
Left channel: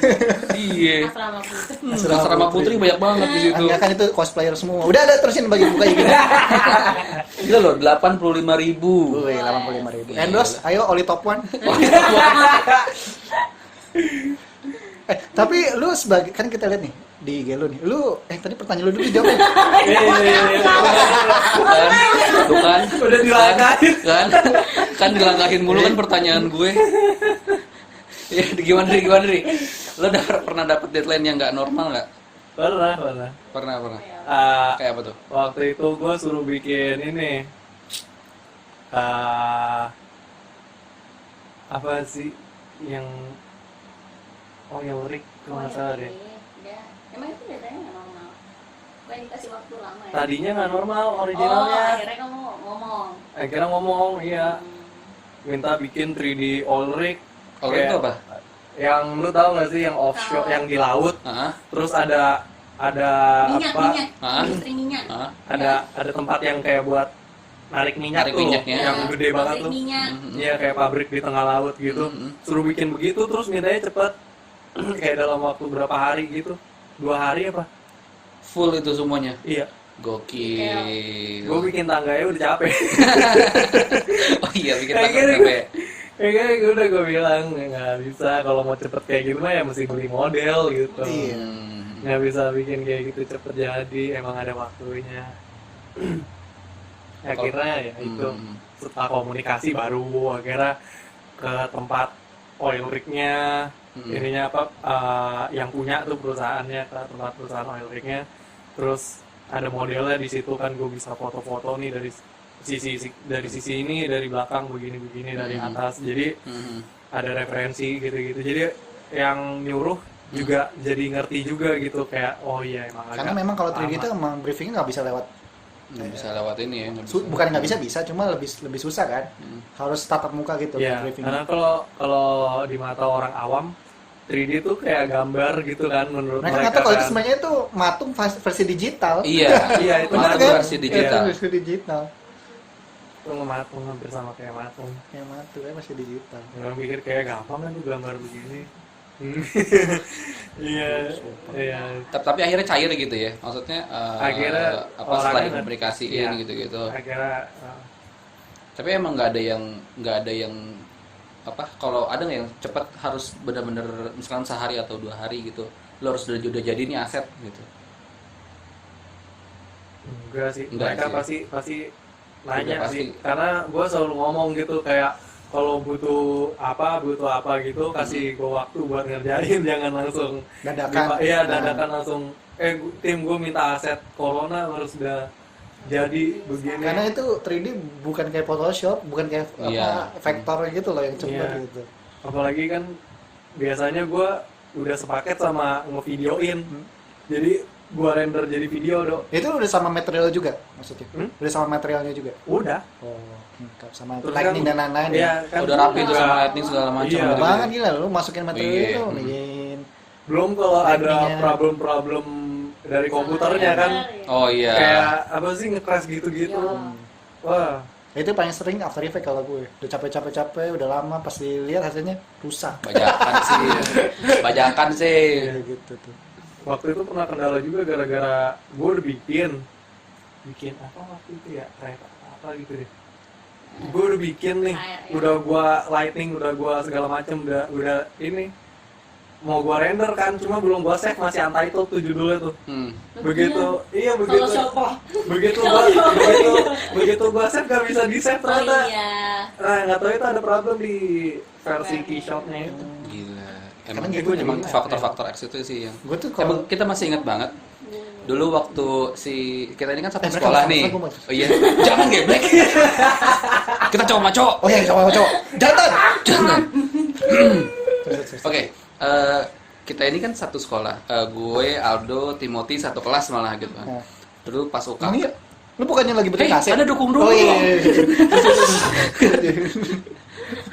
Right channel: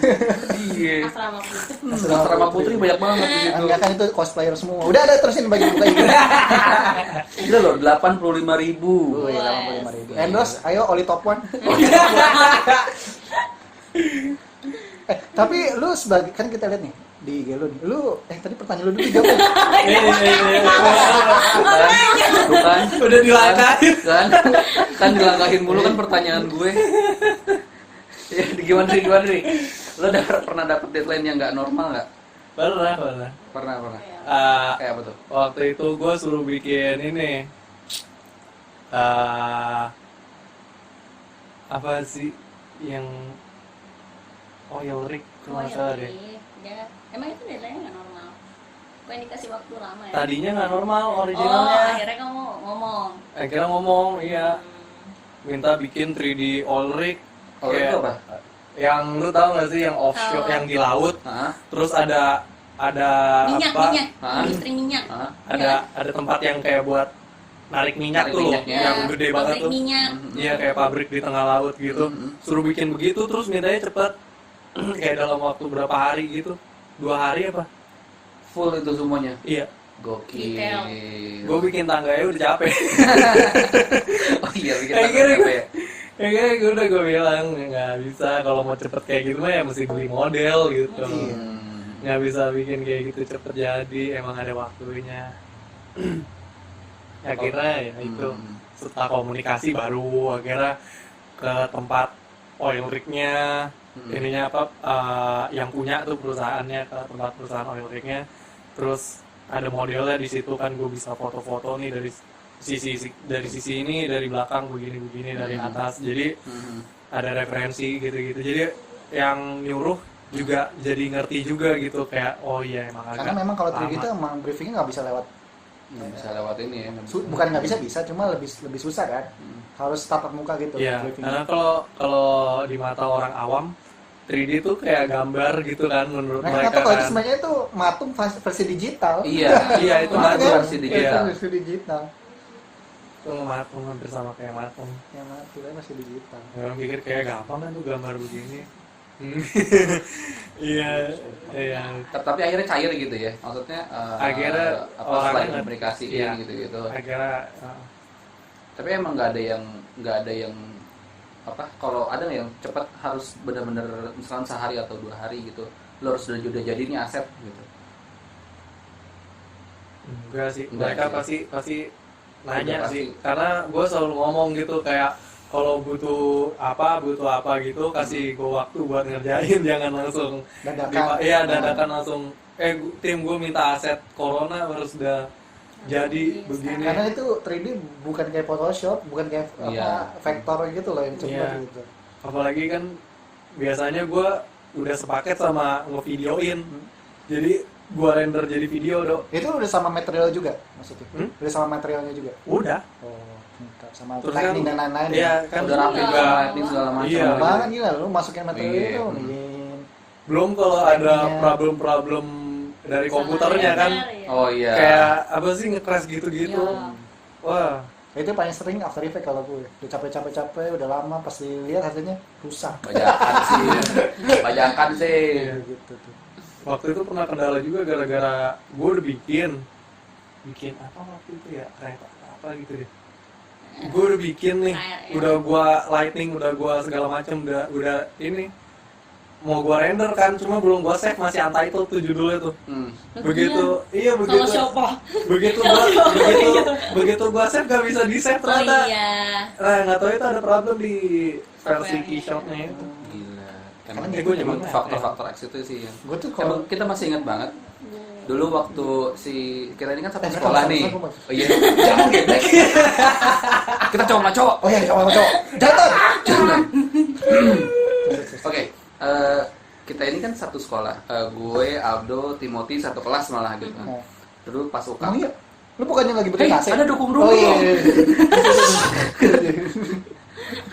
Iya. Asrama putri. Asrama putri banyak banget di situ. Enggak kan itu cosplayer semua. Udah ada terusin bagi buka IG. Udah loh, 85.000. Wih, 85.000. Endorse, ayo Oli Top One. Tapi lu sebagai, kan kita lihat nih di IG lu nih. Tadi pertanyaan lu dulu jawab. Bukan. Udah dilangkahin. Kan dilangkahin mulu kan pertanyaan gue. Ya, gimana Dri? Lo pernah dapet deadline yang nggak normal nggak? Pernah. Pernah. Ah, Kayak apa tuh? waktu itu gue suruh bikin ini apa sih yang oil rig kalau nggak salah deh. Ya, emang itu deadline nggak normal. Kayak dikasih waktu lama ya. Tadinya nggak normal Oh, originalnya. akhirnya kamu ngomong. Akhirnya ngomong, iya, minta bikin 3D oil rig. Oil rig Kayak apa? yang lu tahu nggak sih yang offshore, Tahu. yang di laut, Hah? terus ada Minyak, apa? Hah? industri minyak. Hah? Ada tempat yang kayak buat narik minyak Narik tuh, minyaknya. yang gede banget Pabrik tuh. minyak. Iya, kayak pabrik di tengah laut gitu. Suruh bikin begitu, terus mintanya cepet. Kayak dalam waktu berapa hari gitu. 2 hari apa? Full itu semuanya. Iya. Gokil. Gue bikin tangganya udah capek. Oh iya, bikin Kayak tangga gini. capek. Ya kayak udah gue bilang nggak bisa, kalau mau cepet kayak gitu mah ya mesti beli model gitu. Iya. Nggak bisa bikin kayak gitu cepet jadi, emang ada waktunya. Akhirnya ya itu, setelah komunikasi baru akhirnya ke tempat oil rig-nya, ininya apa, yang punya tuh perusahaannya, ke tempat perusahaan oil rig-nya. Terus ada modelnya di situ kan, gue bisa foto-foto nih dari sisi ini, dari belakang begini dari atas, jadi ada referensi gitu-gitu. Jadi yang nyuruh juga jadi ngerti juga gitu, kayak oh iya emang agak Karena memang kalau 3D itu lama. emang briefingnya nggak bisa lewat. Nggak bisa lewat ini ya. nggak bisa. Bukan nggak bisa, cuma lebih susah kan. Harus tatap muka gitu. Iya, briefing. karena kalau di mata orang awam 3D tuh kayak gambar gitu kan menurut Mereka mereka tuh kalau itu kan. sebenarnya itu matung versi digital. Iya. Iya, itu Matung matung. versi digital. Itu versi digital. Itu ngematung hampir sama kayak matung. Ya matung kan versi digital. Orang pikir kayak gampang kan tuh gambar begini. Iya, iya. Tapi akhirnya cair gitu ya. Maksudnya Akhirnya orangnya nggak- aplikasiin iya. gitu-gitu. Akhirnya Tapi emang nggak ada yang apa, kalau ada nggak yang cepat harus benar-benar misalkan sehari atau 2 hari gitu, lo harus udah jadi nih aset gitu. enggak sih, Enggak mereka sih. pasti nanya Enggak, sih, pasti. karena gue selalu ngomong gitu kayak kalau butuh apa gitu kasih gue waktu buat ngerjain, jangan langsung Dadakan. iya dadakan langsung tim gue minta aset corona harus udah jadi begini. Karena itu 3D bukan kayak Photoshop, bukan kayak Iya. vektor gitu loh yang cepet Iya. gitu. Apalagi kan biasanya gue udah sepaket sama ngevideoin, jadi gue render jadi video dok. Itu udah sama material juga maksudnya? Hmm? Udah sama materialnya juga? Udah. Oh, lengkap sama Terus lightning kan- dan lain-lain. Iya kan Udah rapi juga. sama lightning segala macam. Iya. gitu. Banget gila lu masukin material Iya. itu nih. Belum kalau ada Lightning-nya. problem-problem dari komputernya kan, Oh iya. kayak apa sih nge-crash gitu-gitu. Wah, Itu paling sering After Effects kalau gue. Udah capek-capek, udah lama pas dilihat hasilnya rusak. Bajakan sih. Bajakan sih. Iya gitu tuh. waktu itu pernah kendala juga gara-gara gue udah bikin apa waktu itu ya, kayak apa gitu deh. Gue udah bikin nih, udah gue lighting, udah gue segala macem, udah ini mau gue render kan, cuma belum gue save, masih untitled tuh judulnya tuh. Begitu, iya Kalau begitu, siapa? begitu gua save gak bisa di save Oh ternyata. iya. Nah nggak tahu itu ada problem di versi keyshotnya itu. Gila. Karena Emang gitu gue nyebutin gimana? faktor-faktor X itu sih yang Gue tuh emang kalau kita masih ingat banget dulu waktu kita ini kan satu Eh, sekolah mereka nih. masuk, masuk. Oh iya, jangan geblek. Kita cowok maco. oh ya cowok jangan. Jangan. Oke, kita ini kan satu sekolah. Gue, Aldo, Timothy satu kelas malah gitu kan. Nah. Dulu pas UKM. Ini lu bukannya lagi bikin AC? Ada dukung dulu. Oh iya.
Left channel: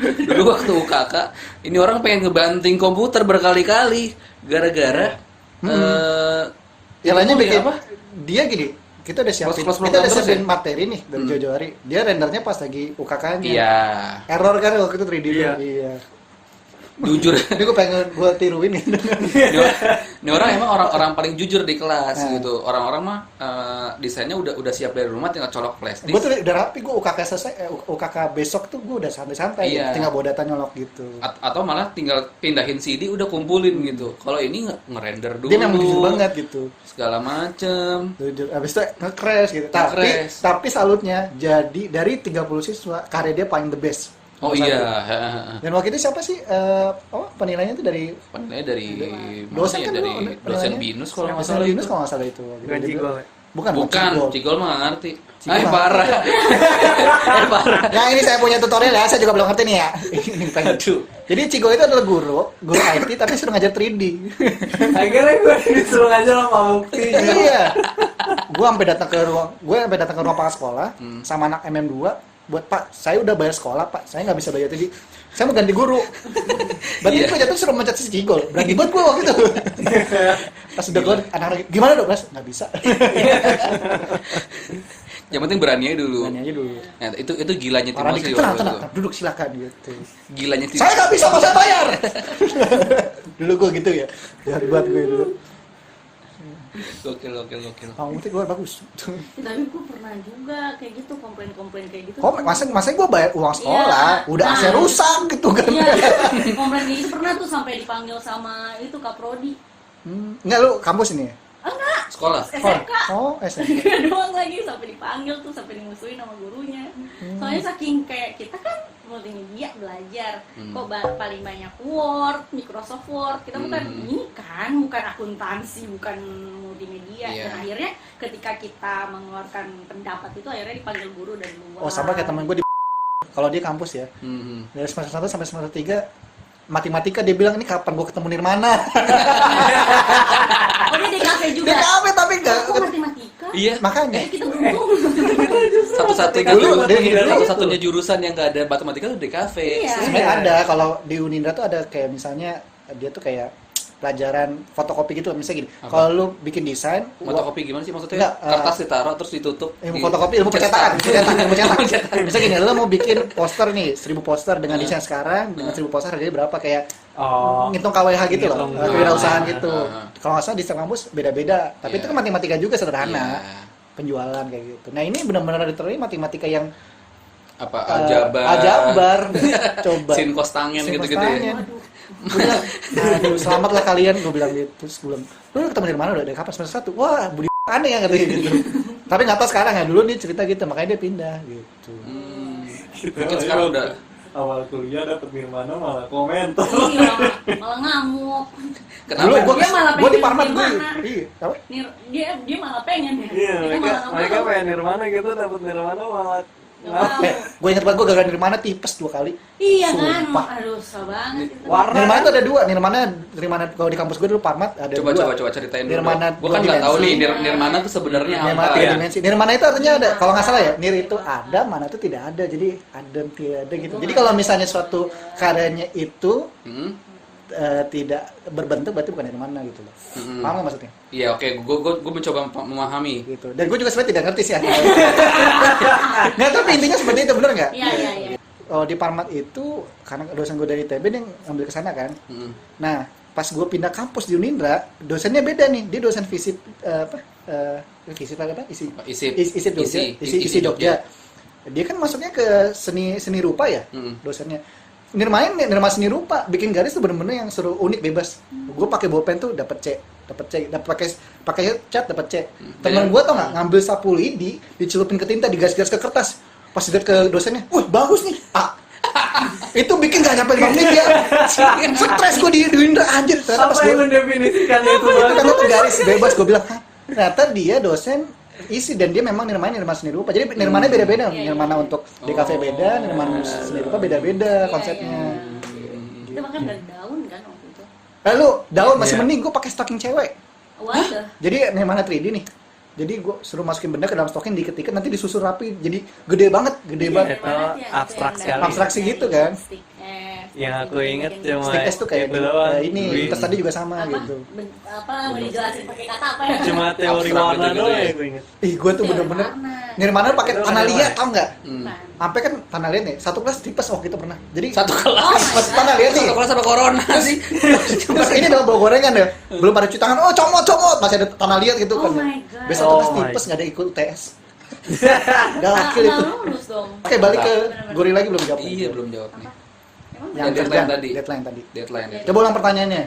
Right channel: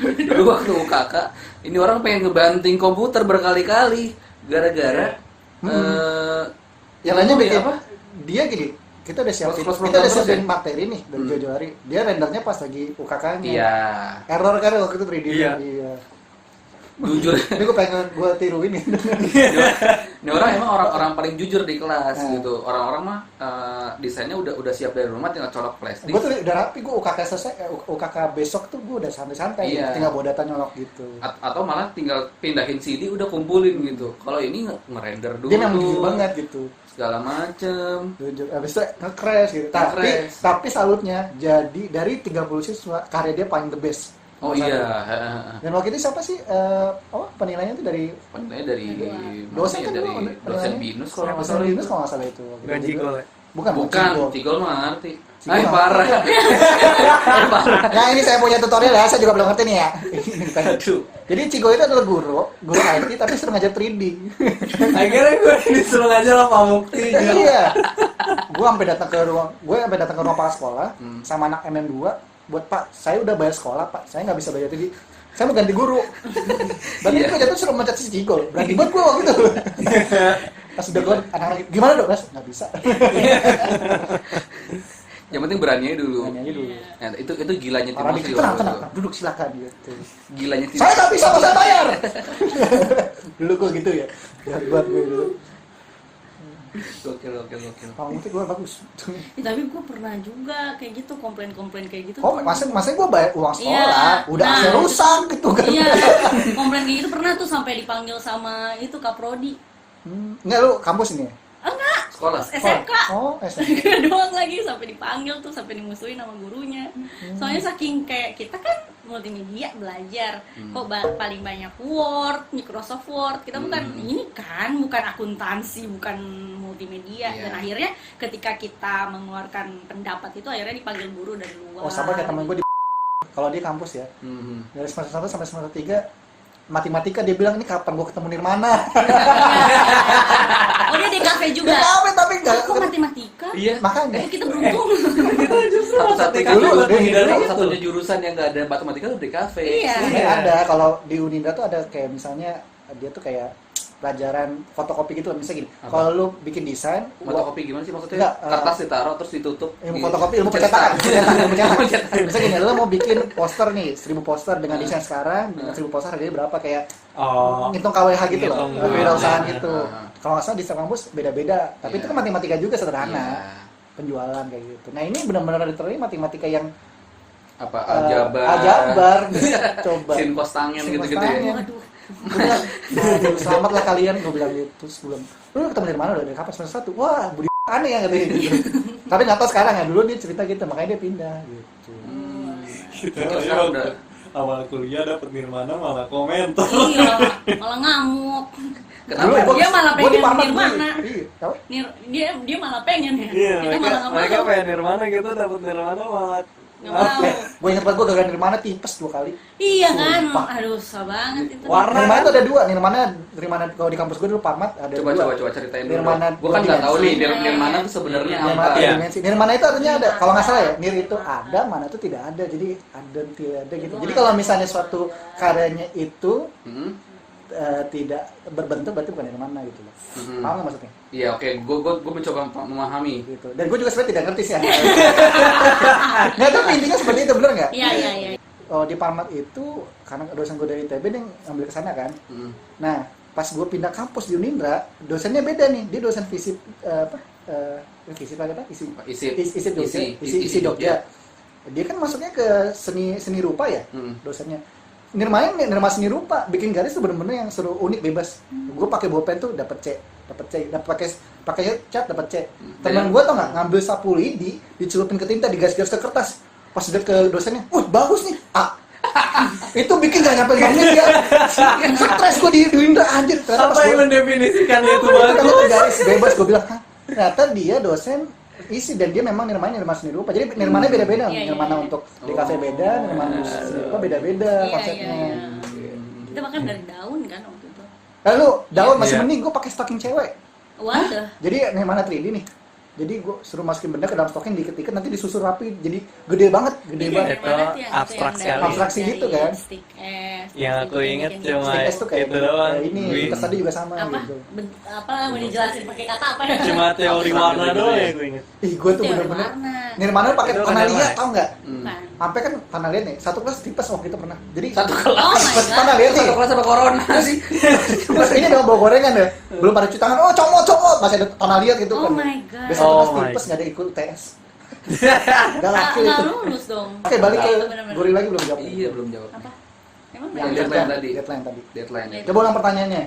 Dulu waktu UKK, ini orang pengen ngebanting komputer berkali-kali gara-gara Yang lainnya apa ya, bikin apa? Dia gini, kita udah siapin, Close kita udah terus siapin ya? materi nih dari jauh-jauh hari. Dia rendernya pas lagi UKK-nya. Iya. Error kan waktu itu 3D. Iya. Iya. Jujur. Ini gue pengen gue tiruin nih. Ini orang emang orang paling jujur di kelas Nah. gitu. Orang-orang mah desainnya udah siap dari rumah, tinggal colok flash Gue disk. tuh udah rapi, gue UKK selesai, UKK besok tuh gue udah santai-santai. Iya. Tinggal bawa data nyolok gitu. Atau malah tinggal pindahin CD udah kumpulin gitu. Kalau ini ngerender dulu. Dia yang jujur banget gitu. Segala macem. Jujur. Abis itu nge-crash gitu. Nge-crash. Tapi salutnya jadi dari 30 siswa karya dia paling the best. Oh Nomor iya. satu. Dan waktu itu siapa sih? Penilaiannya tuh dari Penilaiannya dari dosen kan, dari penilaiannya? dosen binus kalau nggak dosen salah. Binus kalau nggak salah itu. Bukan Cigol ya? Bukan Bukan, Cigol. Cigol mah nggak ngerti. Cigol. Parah. Nah ini saya punya tutorial ya, saya juga belum ngerti nih ya. Aduh. Jadi Cigol itu adalah guru IT tapi suruh ngajar 3D. Akhirnya gue disuruh aja sama Mukti. Iya. Gue sampai datang ke ruang kepala sekolah Hmm. sama anak MM2 buat Pak, saya udah bayar sekolah Pak, saya nggak bisa bayar 3D. Saya mau ganti guru. Berarti Iya. gue jatuh suruh mencet si Cigol. Berani banget gue waktu itu. Pas udah keluar anak-anak gimana dong Mas? Nggak bisa. Yang penting beraninya dulu. Nanya aja dulu. Nah, itu gilanya Orang Timothy dikit, waktu tenang, itu. duduk silakan gitu. Gilanya Saya Timothy. nggak bisa, nggak usah bayar. Dulu gue gitu ya. Jahat buat gue dulu. Gokil. Kalau nanti gue bagus. Tapi gue pernah juga kayak gitu, komplain kayak gitu. Oh, masa gue bayar uang sekolah, Iya. udah Nah. saya rusak gitu kan. Iya, komplain kayak gitu pernah tuh sampai dipanggil sama itu Kaprodi. Enggak lu kampus ini ya? Sekolah. SMK. Oh, SMP. SMK doang lagi, sampai dipanggil tuh, sampai dimusuhin sama gurunya. Soalnya saking kayak kita kan multimedia belajar, kok paling banyak Word, Microsoft Word. Kita bukan ini kan, bukan akuntansi, bukan multimedia. Iya. Dan akhirnya ketika kita mengeluarkan pendapat itu akhirnya dipanggil guru dari luar. Oh, sama kayak temen gue di kalau dia kampus ya. Mhm. Dari semester 1 sampai semester 3 matematika dia bilang ini kapan gue ketemu Nirmana. Oh, dia di kafe juga. Dia kafe tapi enggak. Kok matematika? Iya. Makanya Kita beruntung. Satu-satunya Dulu dia satu-satunya gitu. satu-satunya jurusan yang nggak ada matematika tuh di kafe. Iya. sebenarnya ada kalau di Unindra tuh ada kayak misalnya dia tuh kayak pelajaran fotokopi gitu, misalnya gini. Apa? Kalau lu bikin desain, Fotokopi gimana sih maksudnya? Enggak, Kertas ditaruh terus ditutup. ilmu fotokopi, ilmu percetakan. Misalnya gini, lu mau bikin poster nih, 1000 poster dengan desain sekarang, dengan 1000 poster harganya berapa, kayak ngitung KWH gitu loh, Ngitung kewirausahaan duit. gitu. Kalau nggak salah di setiap kampus beda-beda, tapi Iya. itu kan matematika juga Iya. sederhana, penjualan kayak gitu. Nah ini benar-benar literally matematika yang Apa aljabar. aljabar, coba. Sin cos tangent Sin gitu-gitu cos ya. tangent. Udah, aduh, selamat lah kalian, gue bilang gitu. Terus gue bilang, lu ketemu dari mana, udah dari kapan, semester 1? Wah, budi aneh ya katanya gitu. Tapi nggak tahu sekarang ya, dulu dia cerita gitu, makanya dia pindah gitu. Mungkin sekarang udah awal kuliah dapet Nirmana malah komentar. Iya, malah ngamuk. kenapa? Dia malah Gua di pengen Parmat dulu. Nirmana. Iya, apa? Dia malah pengen ya. Iya, Kita malah nggak mereka mau. pengen Nirmana gitu, dapet Nirmana malah Nggak mau. Gue inget banget gue gagal dari mana tipes 2 kali. Iya kan, Sumpah. aduh susah banget itu. Warna Nirmana kan? tuh ada 2, Nirmana kalau di kampus gue dulu Parmat ada Coba 2. coba ceritain dulu. Nirmana Gua kan nggak tahu nih dimensi. Nirmana tuh sebenarnya Nirmana apa. tiga Iya. dimensi. Nirmana itu artinya ada, kalau nggak salah ya, nir itu ada, mana itu tidak ada. Jadi ada dan tidak ada gitu. Jadi kalau misalnya suatu karyanya itu Hmm? tidak berbentuk, berarti bukan nirmana gitu loh. Hmm. Paham nggak maksudnya? Iya, oke. Gue mencoba memahami. Gitu. Dan gue juga sebenarnya tidak ngerti sih. Nggak, tapi intinya seperti itu, bener nggak? Iya, iya, iya. Oh, di Parmat itu karena dosen gue dari ITB dia ngambil ke sana kan. Hmm. Nah, pas gue pindah kampus di Unindra, dosennya beda nih. Dia dosen fisip fisip apa? Isi Jogja. Dia kan masuknya ke seni rupa ya, Hmm. dosennya. Nirmana seni rupa, bikin garis tuh bener-bener yang seru, unik, bebas. Gue pakai bolpen tuh dapat C, pakai cat dapat C. Temen gue tau nggak, ngambil sapu lidi, dicelupin ke tinta, digaris-garis ke kertas. Pas lihat ke dosennya, wah bagus nih, A. Itu bikin gak nyampe 5 menit ya. Stres gue di Indra anjir. Ternyata pas Apa yang gua- mendefinisikan itu Karena bagus? tuh garis bebas, gue bilang, "Hah?" Ternyata dia dosen isi dan dia memang Nirmana seni rupa. Jadi Nirmana beda-beda, Iya, iya, Nirmana iya. untuk di kafe beda, Nirmana seni rupa beda-beda Iya, konsepnya. iya. Kita makan dari daun kan waktu itu. Lalu daun masih Iya. mending gue pakai stocking cewek. Waduh. Jadi Nirmana 3D nih. Jadi gue suruh masukin benda ke dalam stocking, diketik nanti disusun rapi. Jadi gede banget. Itu abstrak sekali. Abstraksi gitu kan. Yang aku inget cuma Stick S tuh kayak itu doang. ini Wih, tas tadi juga sama apa? gitu. Apa dijelasin pakai kata apa ya? cuma teori warna doang yang aku inget. Ih, gue tuh Teori bener-bener warna. Nirmana pakai Itu kan tanah liat, Nirmana. tau nggak? Hmm. Nah, Sampai kan tanah liat nih, satu kelas tipes waktu itu pernah. Jadi Satu kelas. Oh my God. tanah liat nih. Satu kelas apa corona sih? Terus ini dalam bawa gorengan ya, belum pada cuci tangan. Oh comot, masih ada tanah liat gitu Oh kan. my God. Besok Oh kelas my tipes nggak ada ikut UTS. Gak nggak laki itu. lulus dong. Oke, balik ke Bener-bener. Gori lagi belum jawab. Iya, belum jawab nih. Apa? Emang Yang Deadline deadline tadi. Deadline tadi. Deadline ya. Coba ulang pertanyaannya.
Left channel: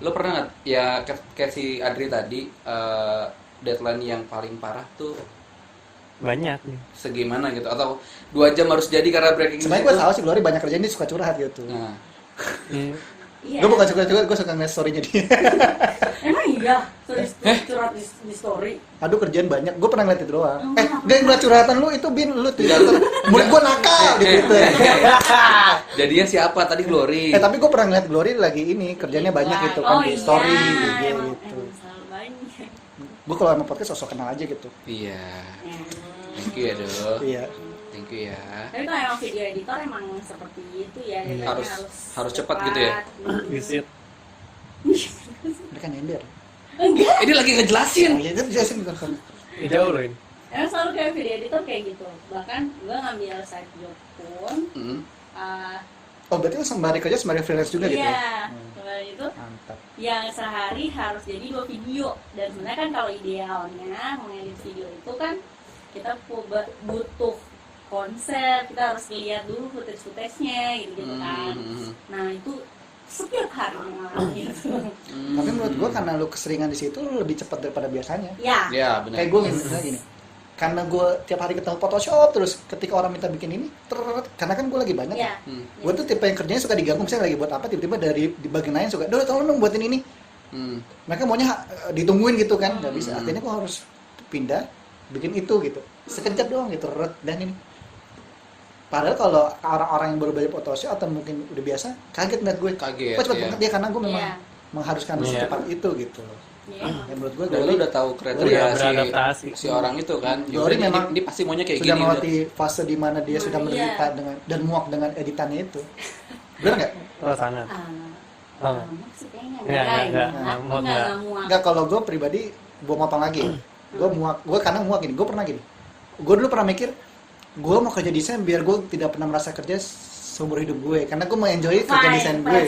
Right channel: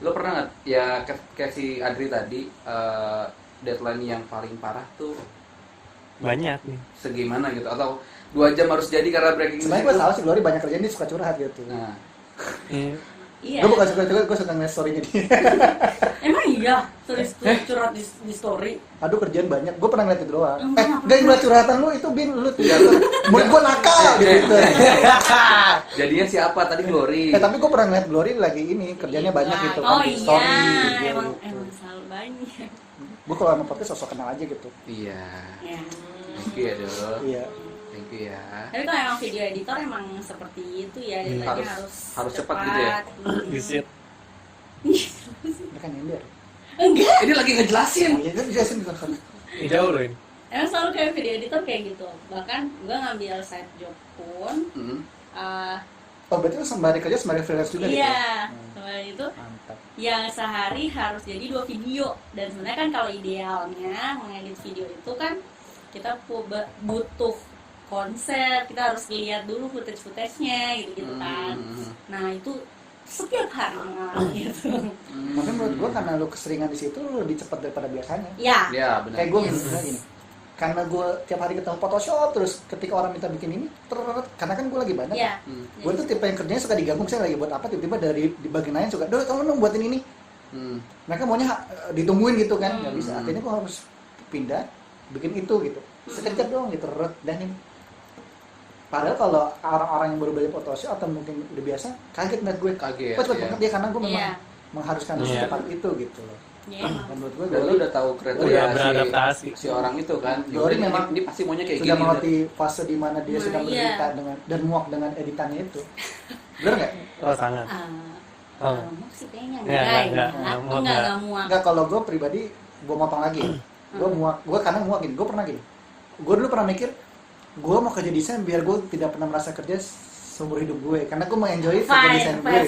Lo pernah nggak ya kayak si Adri tadi deadline yang paling parah tuh Banyak nih. segimana gitu atau 2 jam harus jadi karena breaking Sebenarnya news gue itu? tahu sih Glory banyak kerjaan dia suka curhat gitu. Nah, Hmm. Iya. Gue bukan suka curhat, gue suka ngeliat story-nya dia. Emang iya. Curhat di story. Aduh kerjaan banyak, gue pernah ngeliat itu doang. Enggak. Gak ngeliat curhatan lu itu Bin, lu tuh. Menurut gue nakal gitu. jadinya siapa tadi Glory? Tapi gue pernah ngeliat Glory lagi ini kerjanya banyak gitu kan Oh di iya. story Emang gitu. selalu banyak. Gue kalau sama podcast sosok kenal aja gitu. Iya. Ya. Thank you ya, Do. Iya. Thank you ya. Tapi kalau emang video editor emang seperti itu ya, deadline-nya Harus cepat gitu ya? Visit. Mereka nyender. Enggak. Ini lagi ngejelasin. Ya itu jelasin kan. Jauh loh ini. Emang selalu kayak video editor kayak gitu. Bahkan gue ngambil side job pun Hmm. Oh berarti lu sembari kerja sembari freelance juga gitu? iya, sembari itu Mantap. yang sehari harus jadi 2 video. Dan sebenarnya kan kalau idealnya mengedit video itu kan kita butuh konsep, kita harus lihat dulu footage-nya gitu kan. Nah itu setiap hari gitu. Tapi menurut gue karena lu keseringan di situ lu lebih cepat daripada biasanya. Ya, Ya, benar. Kayak gue misalnya gini, karena gue tiap hari ketemu Photoshop terus ketika orang minta bikin ini, karena kan gue lagi banyak. ya. Gue tuh tipe yang kerjanya suka diganggu, misalnya lagi buat apa, tiba-tiba dari di bagian lain suka, "Doi, tolong dong buatin ini." Hmm. Mereka maunya ditungguin gitu kan, nggak bisa. Akhirnya gue harus pindah, bikin itu gitu. Sekejap doang gitu, dan ini. Padahal kalau orang-orang yang baru belajar Photoshop atau mungkin udah biasa, kaget ngeliat gue. Kaget, Kok cepet ya. banget dia karena gue memang Iya. mengharuskan Iya. secepat itu gitu. Ya, Dan menurut gue Dan lu udah tahu kriteria Udah si- beradaptasi. si orang itu kan. Glory Glory memang ini pasti maunya kayak sudah gini. melewati fase di mana dia Nah, sudah iya. menderita dengan dan muak dengan editannya itu. Benar nggak? Oh sangat. Oh. Muak sih kayaknya Nggak, muak nggak. muak. Enggak, kalau gue pribadi, gue motong lagi. Gue muak, gue karena muak gini, gue pernah gini. Gue dulu pernah mikir, gue mau kerja desain biar gue tidak pernah merasa kerja seumur hidup gue, karena gue mau enjoy kerja desain gue.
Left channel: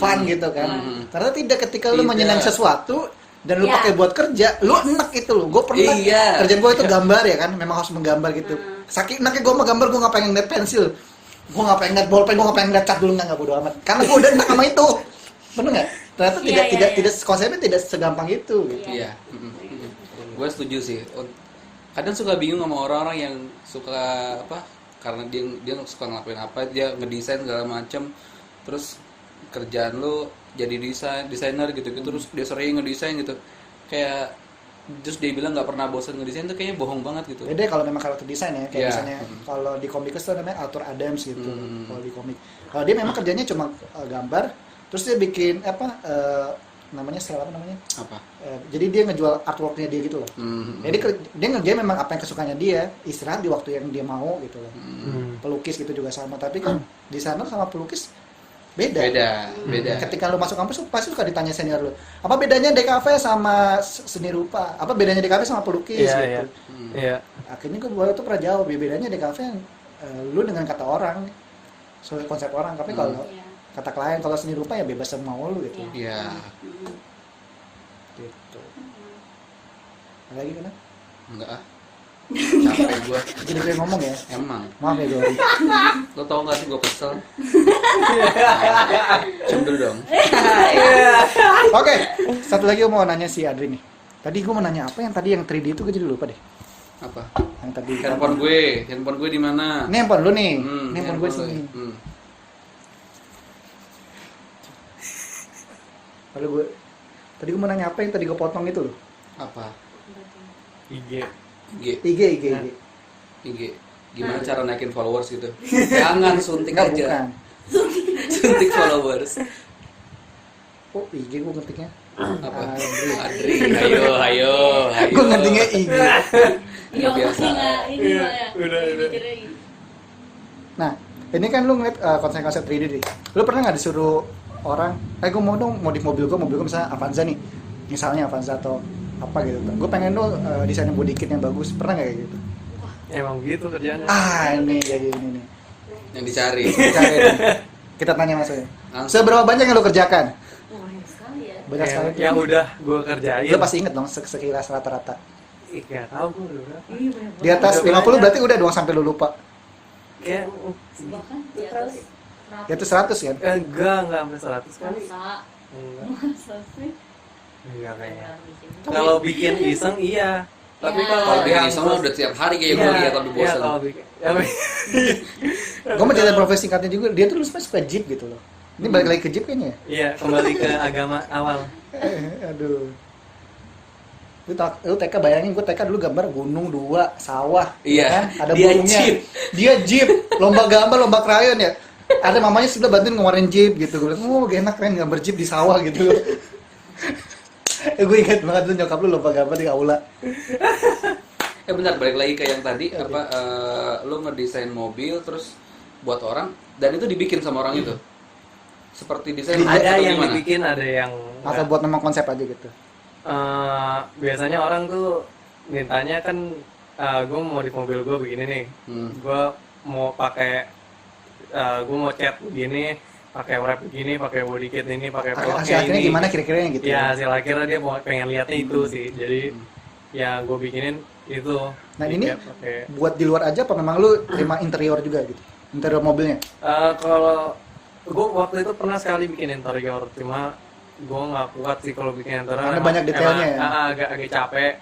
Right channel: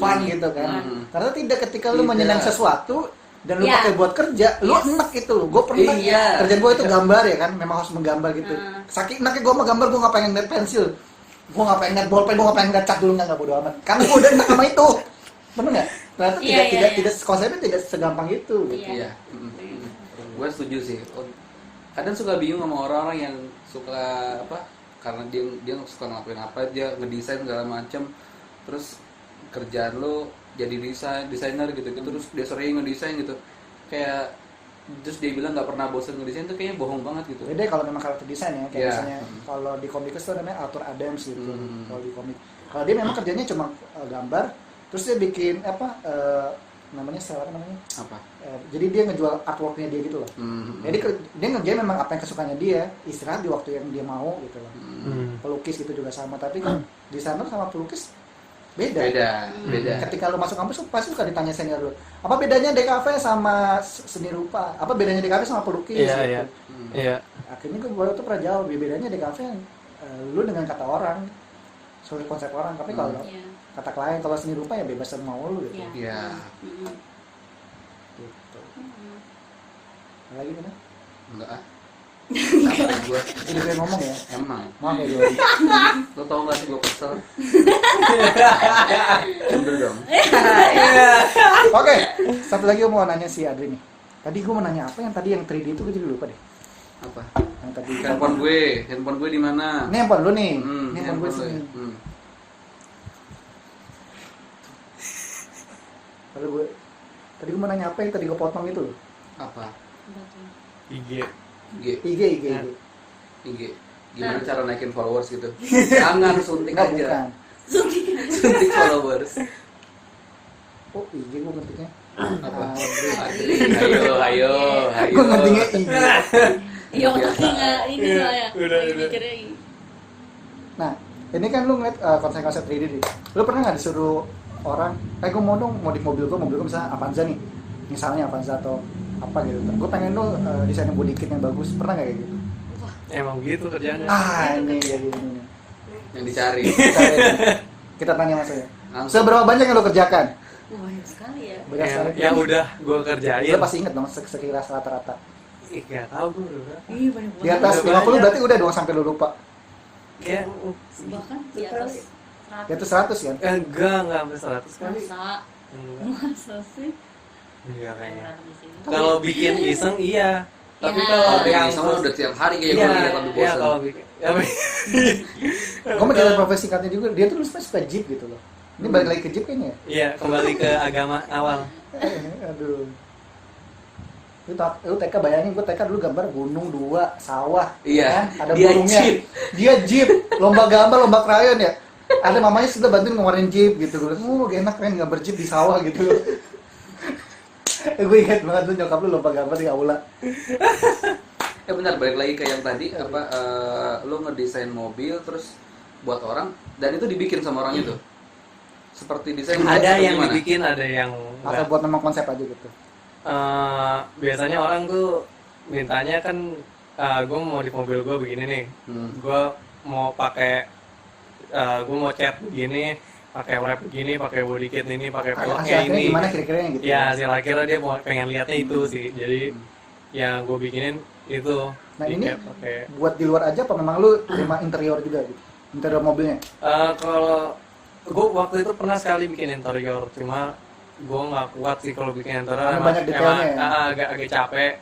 Fun gitu kan. Karena tidak, ketika lu Tidak. menyenang sesuatu dan lu Iya. pakai buat kerja, lu enak itu lu. Gue pernah Iya. kerjaan gue itu gambar ya kan, memang harus menggambar gitu. Saking enaknya gue mau gambar, gue nggak pengen liat pensil, gue nggak pengen liat bolpen, gue nggak pengen liat cat dulu, nggak bodo amat. Karena gue udah enak sama itu, bener nggak? Ternyata Iya, tidak konsepnya tidak segampang itu gitu. Iya. Iya. Gue setuju sih. Kadang suka bingung sama orang-orang yang suka apa? Karena dia suka ngelakuin apa, dia ngedesain segala macem, terus kerjaan lu jadi desainer gitu, terus dia sering ngedesain gitu, kayak terus dia bilang nggak pernah bosan ngedesain tuh kayaknya bohong banget gitu. Beda kalau memang karakter desain ya, kayak Iya. misalnya kalau di Comicus tuh namanya Arthur Adams gitu. Hmm. Kalau di komik, kalau dia memang kerjanya cuma gambar, terus dia bikin apa namanya sel apa namanya? Apa? Jadi dia ngejual artworknya dia gitu loh. Jadi dia ngerjain memang apa yang kesukaannya dia, istirahat di waktu yang dia mau gitu loh. Pelukis gitu juga sama, tapi kan desainer sama pelukis beda. Beda. Ketika lu masuk kampus lu pasti suka ditanya senior lu, apa bedanya DKV sama seni rupa, apa bedanya DKV sama pelukis Iya, gitu. iya. Iya. Akhirnya gue tuh pernah jawab, bedanya DKV lu dengan kata orang, soal konsep orang, tapi kalau Iya. kata klien, kalau seni rupa ya bebas mau lu gitu. Iya. Iya. Mm-mm. Gitu. Ada lagi kan? Enggak ah. Capek gua. Jadi gue ngomong ya, Emang. maaf ya Jory. Lo tau gak sih gue kesel? Cendel dong. Oke, satu lagi gue mau nanya si Adri nih. Tadi gue mau nanya apa yang tadi yang 3D itu gue jadi lupa deh. Apa? Yang tadi Handphone gue di mana? Ini handphone lu nih. Hmm, Ini handphone gue lo. sini. Hmm. Lalu gue tadi gue mau nanya apa yang tadi gue potong itu loh. Apa? IG. IG. IG. IG. Gimana cara naikin followers gitu? Jangan suntik Enggak, aja. bukan. Suntik followers. Oh, IG gue ngetiknya. Apa? Adri. Adri, ayo. Gue ngetiknya IG. Iya, Biasa. tapi nggak ini Iya, lah ya. udah. Mikirnya ini. Nah, ini kan lu ngeliat konsep-konsep 3D nih. Lu pernah nggak disuruh orang, gue mau dong modif mobil gue misalnya Avanza nih. Misalnya Avanza atau apa gitu. Gue pengen lu desain body kit yang bagus. Pernah nggak kayak gitu? Emang gitu kerjanya. Ini jadi ini. Yang dicari. Kita tanya maksudnya. Langsung. Seberapa banyak yang lu kerjakan? Banyak sekali ya. Banyak sekali. Yang udah gue kerjain. Lu pasti inget dong sekilas rata-rata. Ih, nggak tahu gue udah berapa. Iya, banyak Di atas Udah 50 banyak. berarti udah dong sampai lu lupa. Kayak bahkan di atas Di atas 100 kan? enggak sampai 100 kali. masa Enggak. masa sih Enggak kayaknya. Kalau bikin iseng iya. Tapi Ya. kalau Kalau yang yang udah tiap hari kayak gue lihat tapi iya bosan. kalau bikin. Ya, Gue mau jadi profesi singkatnya juga, dia tuh suka jeep gitu loh. Ini balik lagi ke jeep kayaknya ya? Iya, kembali ke agama awal. Aduh. Lu TK bayangin, gue TK dulu gambar gunung 2, sawah. Iya, kan? Ada dia burungnya. jeep. Dia jeep, lomba gambar, lomba krayon ya. Ada mamanya sebelah bantuin ngeluarin jeep gitu. Gue bilang, enak kan gambar jeep di sawah gitu. Gue inget banget tuh nyokap lu lomba gambar di aula. Bentar, balik lagi ke yang tadi lo ngedesain mobil terus buat orang dan itu dibikin sama orang itu. Seperti desain Ada atau yang gimana? dibikin, ada yang Atau enggak. buat memang konsep aja gitu. Biasanya orang tuh mintanya kan gue mau di mobil gue begini nih. Gue mau pakai gue mau cat begini, pakai wrap begini, pakai body kit ini, pakai Hasil peleknya akhirnya ini. gimana kira-kira gitu? Ya hasil akhirnya dia pengen lihatnya itu sih. Jadi ya gue bikinin itu. Nah, ini pakai. Buat di luar aja apa memang lu terima interior juga gitu? Interior mobilnya? Kalau gue waktu itu pernah sekali bikin interior, cuma gue nggak kuat sih kalau bikin interior. Karena banyak detailnya ya? Agak capek.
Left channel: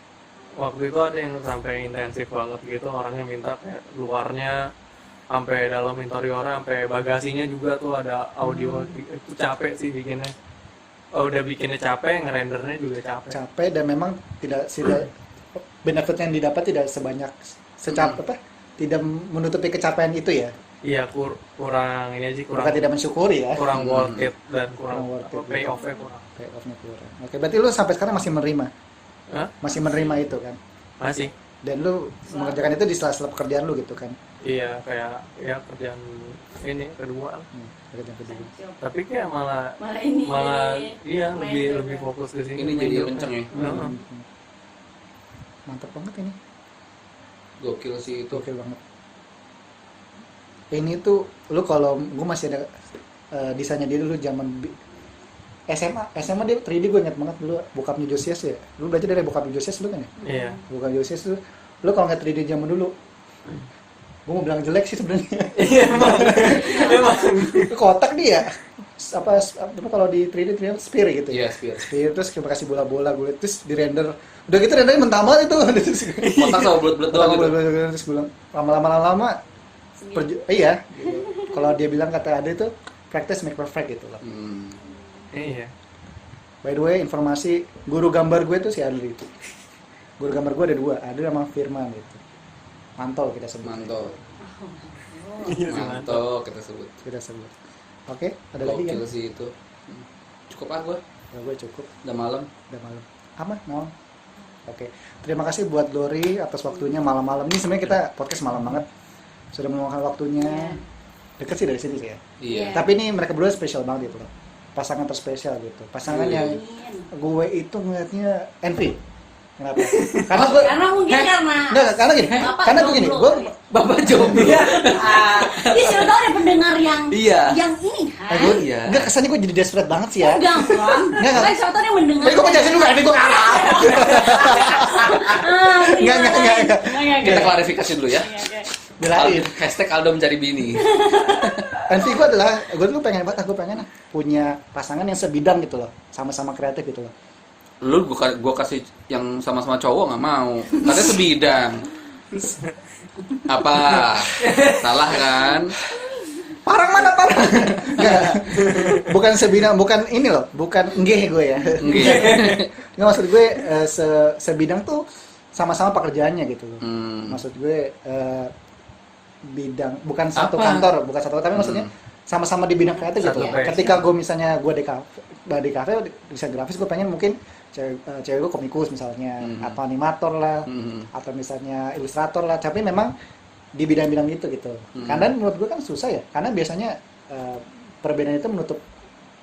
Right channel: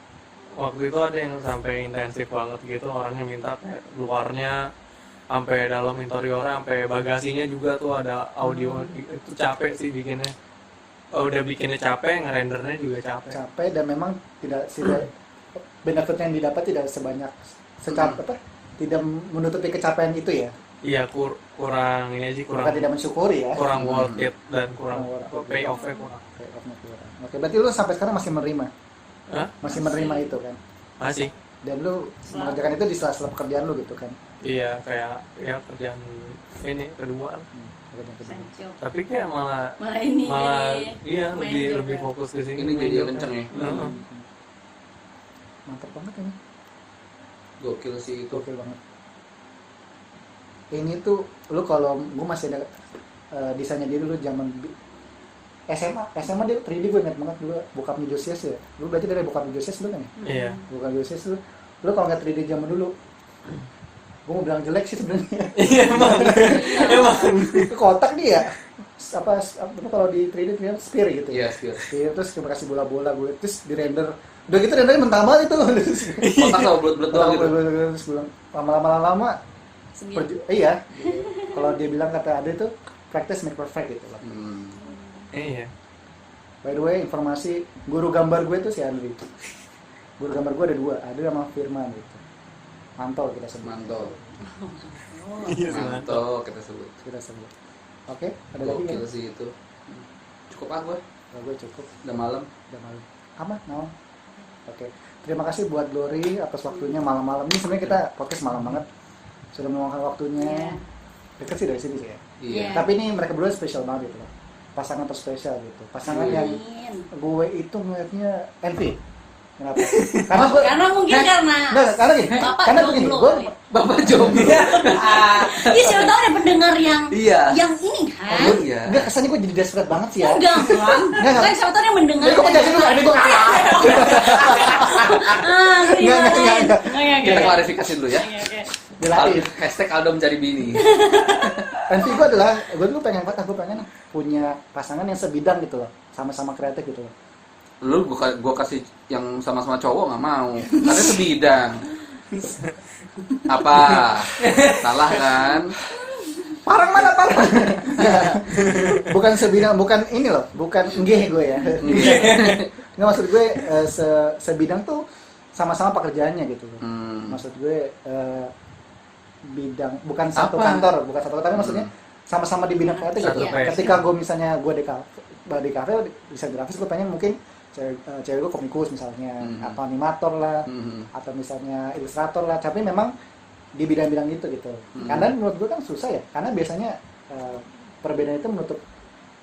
Waktu itu ada yang sampai intensif banget gitu, orangnya minta kayak luarnya sampai dalam interiornya, sampai bagasinya juga tuh ada audio. Itu capek sih bikinnya. Udah bikinnya capek, ngerendernya juga capek. Capek dan memang tidak benefit yang didapat tidak sebanyak apa? Tidak menutupi capaian itu ya. Iya kurang ini aja, kurang Bukan tidak mensyukuri ya. kurang worth it dan kurang Worth it, pay off-nya kurang. Payoff-nya kurang. Oke, berarti lu sampai sekarang masih menerima. Hah? Masih menerima itu kan. Masih. Dan lu mengerjakan itu di sela-sela pekerjaan lu gitu kan. Iya kayak ya kerjaan ini kedua lah. Tapi kayak malah ini iya main lebih juga. fokus ke sini. Ini main jadi Joker. kenceng ya. Heeh. Mantap banget ini. Gokil sih itu. Gokil banget. Ini tuh lu kalau gue masih ada desainnya dia dulu zaman SMA dia 3D, gue ingat banget dulu bokapnya Josias ya. Lu belajar dari bokapnya Josias lu kan ya? Iya. Bokapnya Josias tuh lu kalau nggak 3D zaman dulu, gue mau bilang jelek sih sebenarnya. Iya emang. Emang. Kotak dia apa kalau di 3D ternyata sphere gitu. Iya, Sphere. Sphere terus kita kasih bola-bola gue terus di render. Udah gitu rendernya mentah banget itu. Kotak sama bulat-bulat doang gitu. Terus gue bilang lama-lama iya. Kalau dia bilang kata ada itu practice make perfect gitu loh. Iya. By the way, informasi guru gambar gue tuh si Adli itu. Guru gambar gue ada 2, ada sama Firman gitu. Manto kita sebut. Manto. Iya sih mantap. Manto kita sebut. Kita sebut. Oke, ada lagi kan? Gokil sih itu. Cukup ah gua. Oh, gue cukup, Udah malam. udah malam. Aman, malam. Oke, terima kasih buat Glory atas waktunya malam-malam ini. Sebenarnya kita podcast malam banget. Sudah meluangkan waktunya. Deket sih dari sini sih ya. Iya. Tapi ini mereka berdua spesial banget gitu loh. Pasangan terspesial gitu. Pasangan Iya. yang gue itu ngeliatnya envy. Kenapa? Karena mungkin karena Enggak, karena gini. Bapak Karena begini, jomblo gue kali ya. Bapak jomblo. Iya, siapa tahu ada pendengar yang Iya. yang ini kan. Iya. enggak kesannya gue jadi desperate banget sih ya. Enggak, Bang. Enggak. Kan siapa tahu yang mendengar. Tapi gue penjelasin dulu, ada itu. Enggak. Kita klarifikasi dulu ya. Belain. Hashtag Aldo mencari bini. Nanti gue adalah, gue tuh pengen banget, gue pengen punya pasangan yang sebidang gitu loh, sama-sama kreatif gitu loh. Lu gua kasih yang sama-sama cowok nggak mau. Karena sebidang. Apa? Salah kan? Parang mana parang? Enggak. Bukan sebidang, bukan ini loh, bukan enggih gue ya. Iya. Nggak, maksud gue sebidang tuh sama-sama pekerjaannya gitu. Maksud gue bidang bukan satu Apa? kantor, bukan satu, tapi maksudnya sama-sama di bidang kreatif gitu. Satu passion. Ketika gue misalnya gue di kafe desain grafis, gue pengen mungkin cewek gue komikus misalnya, atau animator lah, atau misalnya ilustrator lah. Tapi memang di bidang-bidang gitu. Karena menurut gue kan susah ya, karena biasanya perbedaan itu menutup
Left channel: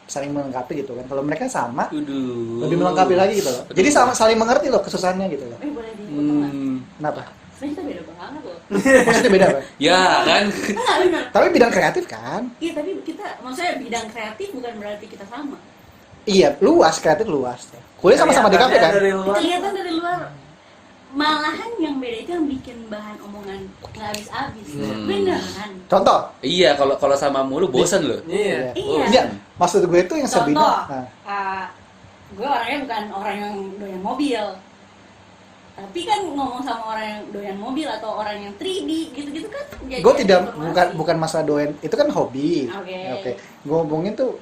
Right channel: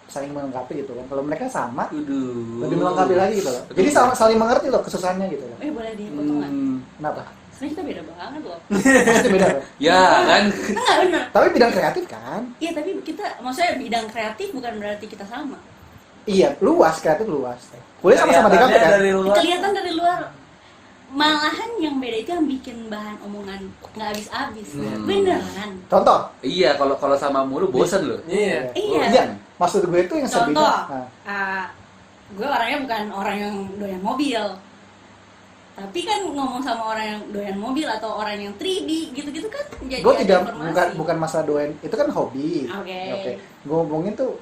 saling melengkapi gitu kan. Kalau mereka sama, lebih melengkapi lagi gitu loh. Jadi saling mengerti loh kesusahannya gitu loh. Boleh dipotong nggak? Kenapa? Sebenarnya kita beda banget loh. Maksudnya beda apa? Ya kan? Enggak benar. Tapi bidang kreatif kan? Iya, tapi kita maksudnya bidang kreatif bukan berarti kita sama. Iya, luas, kreatif luas. Kuliah sama-sama di kafe Kelihatannya kan? dari luar. Kelihatan dari luar. Malahan yang beda itu yang bikin bahan omongan nggak habis-habis. Beneran. Contoh? Iya, kalau sama mulu bosan loh. Iya. Iya. Iya, maksud gue itu yang sebidang. Contoh, Nah, gue orangnya bukan orang yang doyan mobil. Tapi kan ngomong sama orang yang doyan mobil atau orang yang 3D gitu-gitu kan jadi gue tidak informasi. bukan masalah doyan, itu kan hobi. Oke. Gue ngomongin tuh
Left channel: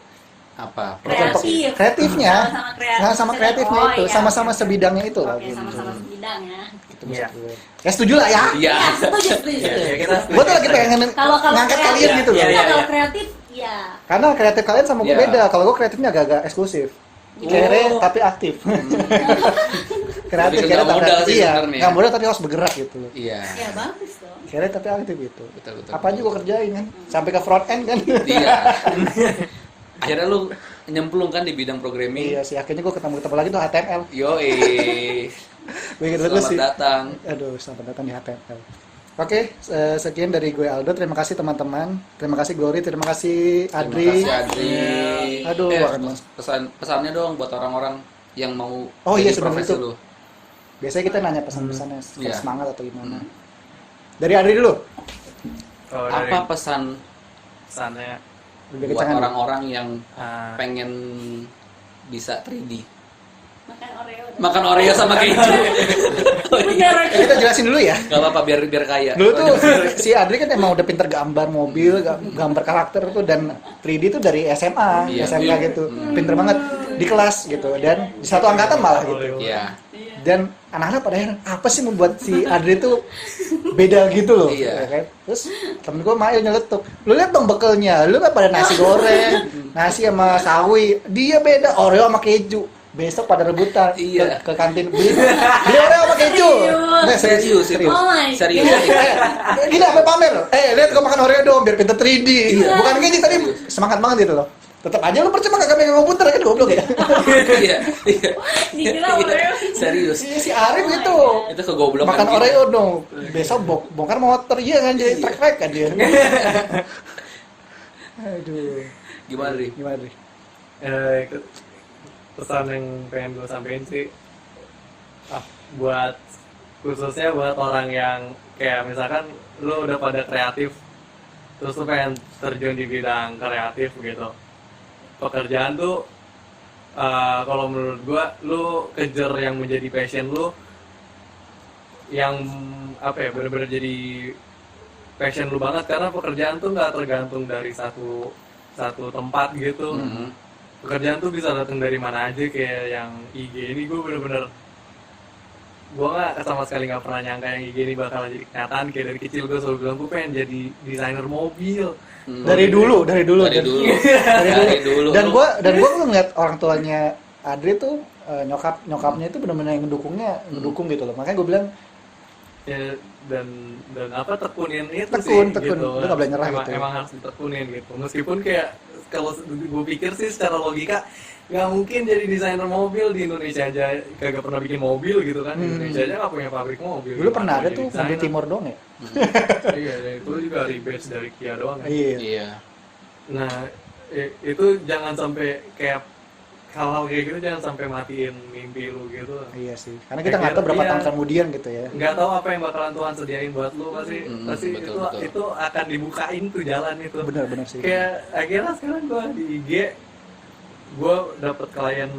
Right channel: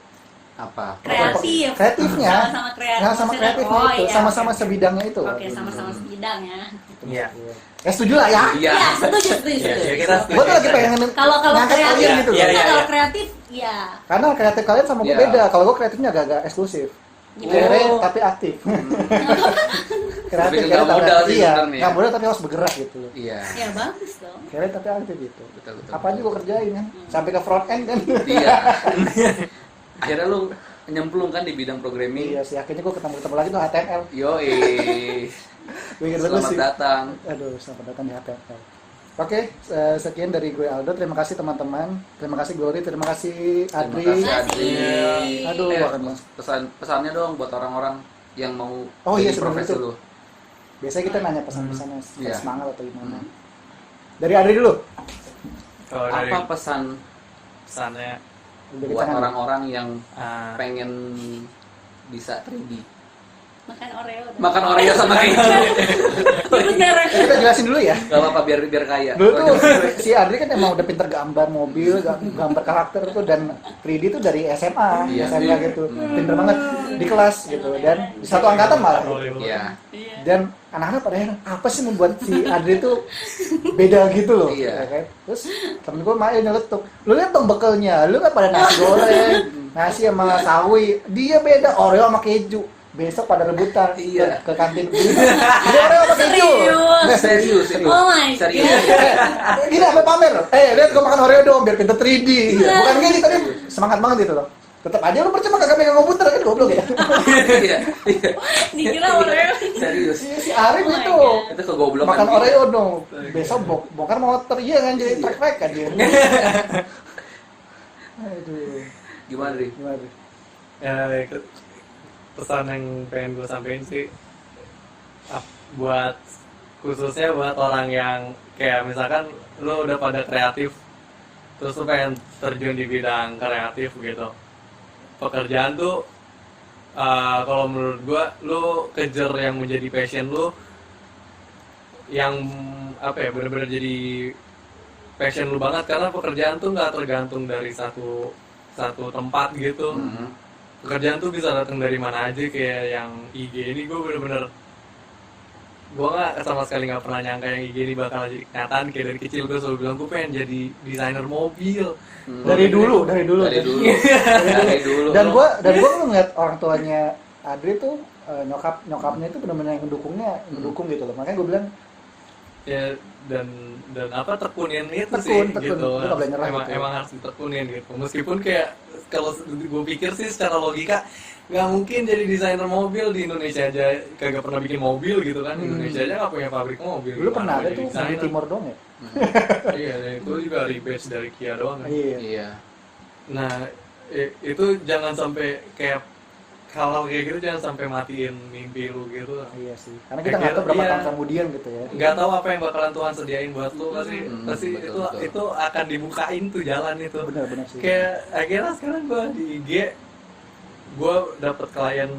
Apa? Kreatif. kreatifnya. Sama-sama kreatif. Nah, sama kreatifnya Oh, itu, iya. sama-sama sebidangnya itu. Oke, sama-sama sebidang ya. Itu Iya. maksud gue. Ya setuju lah ya. Iya. Ya, setuju. Iya, ya kita Gue tuh lagi pengen Kalau ngangkat kreatif, kalian gitu loh. Iya, iya, kalau iya. kreatif, ya. Karena kreatif kalian sama gue Iya. beda. Kalau gue kreatifnya agak-agak eksklusif. Kere tapi aktif. Kreatif, Tapi kere nggak tapi modal aktif. sih Iya, sebenarnya. nggak modal tapi harus bergerak gitu. Iya. Ya bagus dong. Kere tapi aktif gitu. Betul. Apa aja gue kerjain kan, sampai ke front end kan. Iya. Akhirnya lu nyemplung kan di bidang programming. Iya sih, akhirnya gue ketemu lagi tuh HTML. Yoi. Bikin dulu Selamat sih. datang. Aduh, selamat datang di HTML. Oke, sekian dari gue Aldo. Terima kasih teman-teman. Terima kasih Glory. Terima kasih Adri. Terima kasih Adri. Aduh, pesannya dong buat orang-orang yang mau Oh iya, jadi sebelum profesi itu. lu. Biasanya kita nanya pesan-pesannya, Iya. semangat atau gimana. Dari Adri dulu. Kalau dari Apa pesan pesannya Lebih buat kencang. orang-orang yang ah, pengen bisa 3D? Makan Oreo. Makan Oreo sama keju. Kita jelasin dulu ya. Gak apa-apa biar kaya. Dulu tuh si Adri kan emang udah pinter gambar mobil, gambar karakter tuh, dan 3D tuh dari SMA, Iya. SMK gitu. Pinter banget di kelas gitu, dan di satu angkatan malah gitu. Iya. Dan anak-anak pada heran, apa sih membuat si Adri tuh beda gitu loh. Iya. Ya kan? Terus temen gue main nyeletuk, lu lihat dong bekelnya, lu kan pada nasi goreng, nasi sama sawi, dia beda Oreo sama keju. besok pada rebutan Iya. ke kantin. Dia orang apa kayak gitu? Nggak, Serius, serius. Oh my Serius. Ini apa pamer? Lihat gue makan Oreo dong biar kita 3D. Bukan gini tadi semangat banget gitu loh. Tetap aja lu percuma kagak pegang komputer kan goblok ya. Iya, iya. dikira Oreo. Serius. Si Arif itu Itu kegoblokan. makan gitu. Oreo dong. Besok bongkar motor iya kan jadi track kan dia. Aduh. Gimana, Ri? Gimana Ri? Pesan yang pengen gue sampein sih buat khususnya buat orang yang kayak misalkan lo udah pada kreatif terus lo pengen terjun di bidang kreatif gitu, pekerjaan tuh kalau menurut gue lo kejar yang menjadi passion lo, yang apa ya bener-bener jadi passion lu banget, karena pekerjaan tuh nggak tergantung dari satu tempat gitu. Pekerjaan tuh bisa datang dari mana aja. Kayak yang IG ini gue bener-bener gue nggak sama sekali nggak pernah nyangka yang IG ini bakal jadi kenyataan. Kayak dari kecil gue selalu bilang gue pengen jadi desainer mobil. Dari dulu. Dari dulu. Dan gua ngeliat orang tuanya Adri tuh nyokapnya itu benar-benar yang ngedukung gitu loh. Makanya gue bilang Ya, dan apa tekunin itu Tekun, sih gitu. lu nggak boleh nyerah emang, gitu ya. emang harus ditekunin gitu. Meskipun kayak kalau gue pikir sih secara logika nggak mungkin jadi desainer mobil di Indonesia aja kagak pernah bikin mobil gitu kan. Di Indonesia aja nggak punya pabrik mobil. dulu Gimana pernah mau ada jadi tuh di desainer? Timor dong ya. Iya, dan itu juga rebase dari Kia doang kan. Iya. Iya. Nah, itu jangan sampai kayak hal-hal kayak gitu jangan sampai matiin mimpi lu gitu. Iya sih. Karena kita nggak tahu berapa Iya. tahun kemudian gitu ya. Nggak tahu apa yang bakalan Tuhan sediain buat lu, pasti betul. itu akan dibukain tuh jalan itu. Benar sih. Kayak akhirnya sekarang gua di IG gua dapet klien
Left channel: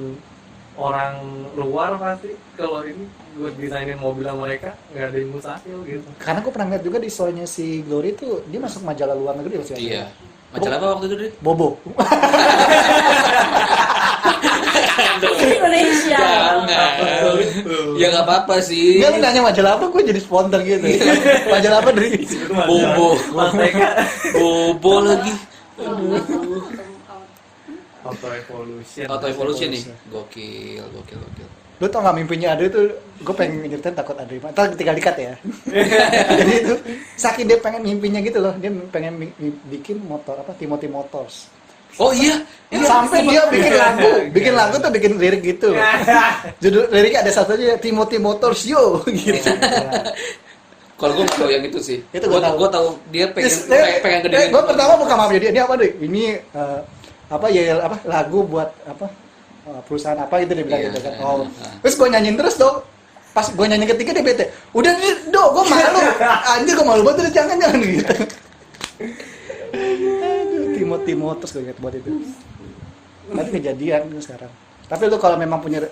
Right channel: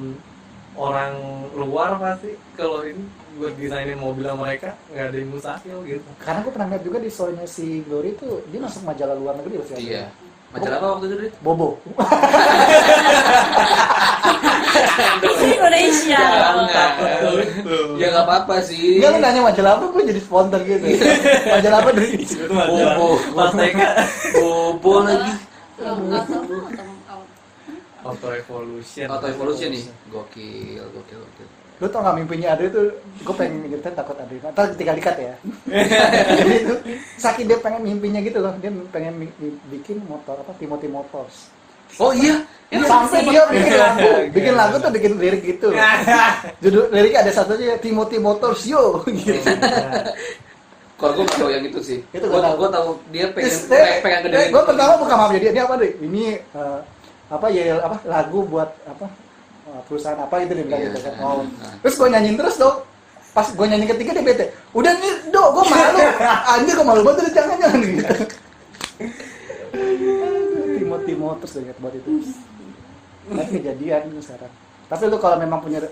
orang luar pasti kalau ini buat desainin mobil mereka nggak ada yang mustahil gitu. Karena gue pernah lihat juga di story-nya si Glory tuh dia masuk majalah luar negeri loh sih. Iya. Majalah apa waktu itu, Ri? Bobo. Indonesia. Ya nggak apa-apa sih. Enggak, lu nanya majalah apa, gue jadi spontan gitu. Majalah apa dari Bobo. Mas Teka. Bobo lagi. Auto Evolution. Auto Evolution nih. Gokil. Lu tau gak mimpinya Adri tuh, gue pengen nyeritain takut Adri ntar tinggal dikat ya. Jadi itu saking dia pengen mimpinya gitu loh, dia pengen bikin motor apa, Timothy Motors. Oh iya. Iya, sampai dia bikin lagu tuh, bikin lirik gitu. Judul liriknya ada satunya Timothy Motors yo gitu. Kalau gue nggak tahu yang itu sih. Itu gua tahu. Gue tahu dia pengen gedein. Gue pertama buka maaf dia apa deh? Ini apa ya apa lagu buat apa perusahaan apa gitu dia bilang gitu kan. Oh. Terus gue nyanyiin terus dong. Pas gue nyanyi ketiga dia bete. Udah dong, gue malu. Anjir gue malu banget, jangan gitu. Timothy Motors gue ingat buat itu. Tapi kejadian sekarang. Tapi lu kalau memang punya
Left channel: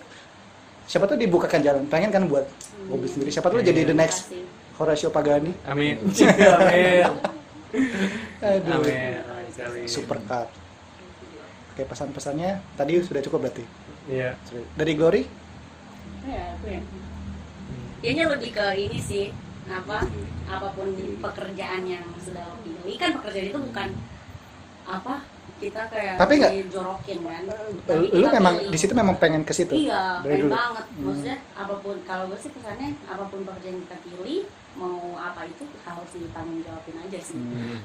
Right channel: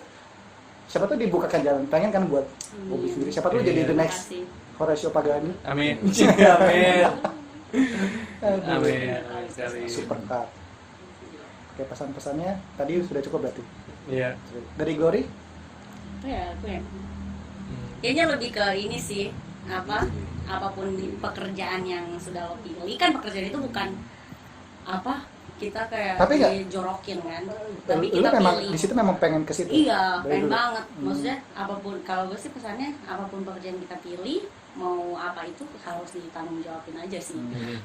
siapa tuh dibukakan jalan, pengen kan buat mobil sendiri. Siapa tuh jadi the next Horacio Pagani. Amin. Amin. Aduh. Amin. Sekali. Super car. Oke, pesan-pesannya tadi sudah cukup berarti. Iya. Dari Glory? Ya, aku ya. Kayaknya lebih ke ini sih, apapun di pekerjaan yang sudah lo pilih, kan pekerjaan itu bukan apa kita kayak Tapi nggak- dijorokin kan, tapi Lu kita memang pilih. di situ memang pengen ke situ. Iya, Dari pengen dulu. banget. Maksudnya apapun, kalau gue sih pesannya apapun pekerjaan kita pilih, mau apa itu harus ditanggung jawabin aja sih.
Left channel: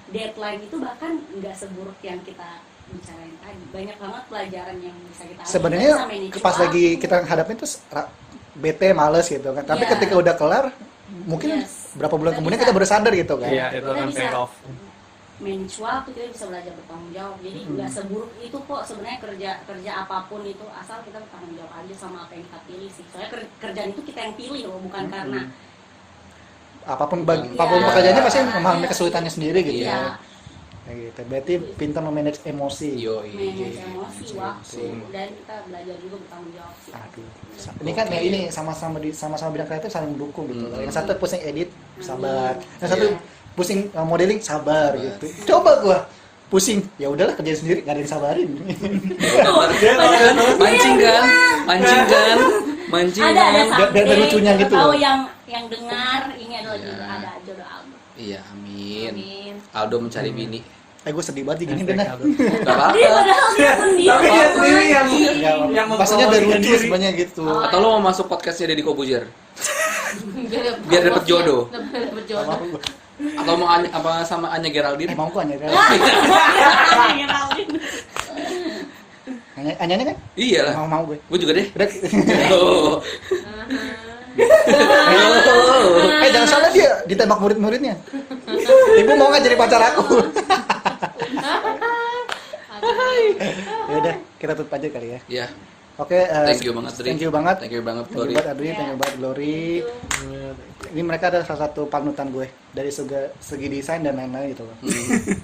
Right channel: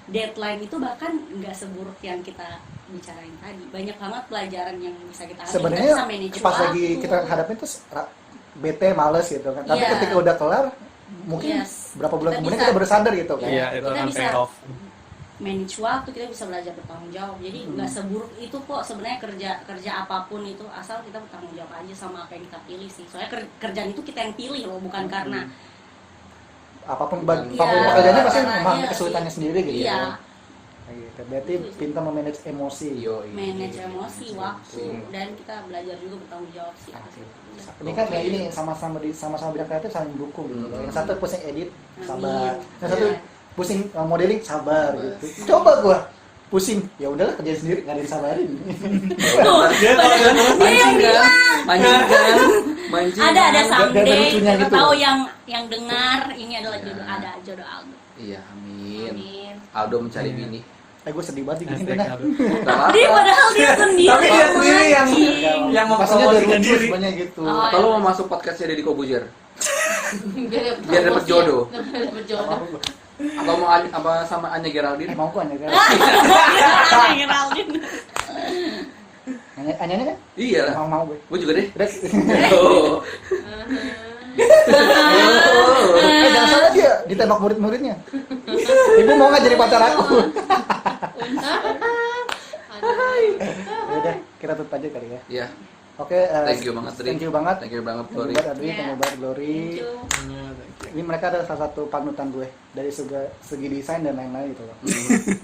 Deadline itu bahkan nggak seburuk yang kita bicarain tadi. Banyak banget pelajaran yang bisa kita ambil. Sebenarnya Kita bisa manage pas lagi waktu. kita hadapin tuh bete males gitu kan. Tapi Iya. ketika udah kelar mungkin Yes. berapa bulan Kita kemudian bisa- kita baru sadar gitu kan. Iya, itu Kita akan bisa- pay off. manage waktu, kita bisa belajar bertanggung jawab. Jadi nggak seburuk itu kok sebenarnya kerja apapun itu, asal kita bertanggung jawab aja sama apa yang kita pilih sih. Soalnya kerjaan itu kita yang pilih loh, bukan karena Apapun Iya. pekerjaannya pasti Iya. memahami kesulitannya sendiri gitu. iya, Kayak gitu. Berarti pintar memanage emosi. Yo, manage emosi, waktu, dan kita belajar juga bertanggung jawab sih. Ini kan ya ini sama-sama bidang kreatif saling mendukung gitu. Yang satu pusing edit, sabar. Yang satu pusing modeling, sabar gitu. Coba gua pusing, ya udahlah kerja sendiri, nggak ada yang sabarin. Mancing Ada kan? someday, Ada lucunya kita gitu. tahu yang dengar ini adalah Ya. ada jodoh Aldo. Iya, amin. Amin. Aldo mencari bini. Gue sedih banget gini Hashtag bener. Aldo. Oh, nggak Dia apa-apa. padahal dia sendiri. Tapi dia sendiri yang Maksudnya dari mempromosikan diri diri. sebenarnya gitu. Oh. Atau lo mau masuk podcastnya Deddy Kobuzier? Biar dapet jodoh. Dapet jodoh. Atau mau apa sama Anya Geraldine? Mau kok Anya Ngeralin. Anya kan? Iya lah. Mau gue. Gue juga deh. Udah. Oh. Jangan salah dia ditembak murid-muridnya. Ibu mau nggak jadi pacar aku? Ya udah, kita tutup aja kali ya. Iya. Oke, Thank you banget, Dri. Thank you banget. Thank you banget, Thank you Glory. banget Adri, thank you banget Glory. Ini mereka adalah salah satu panutan gue dari segi desain dan lain-lain gitu loh. Hmm.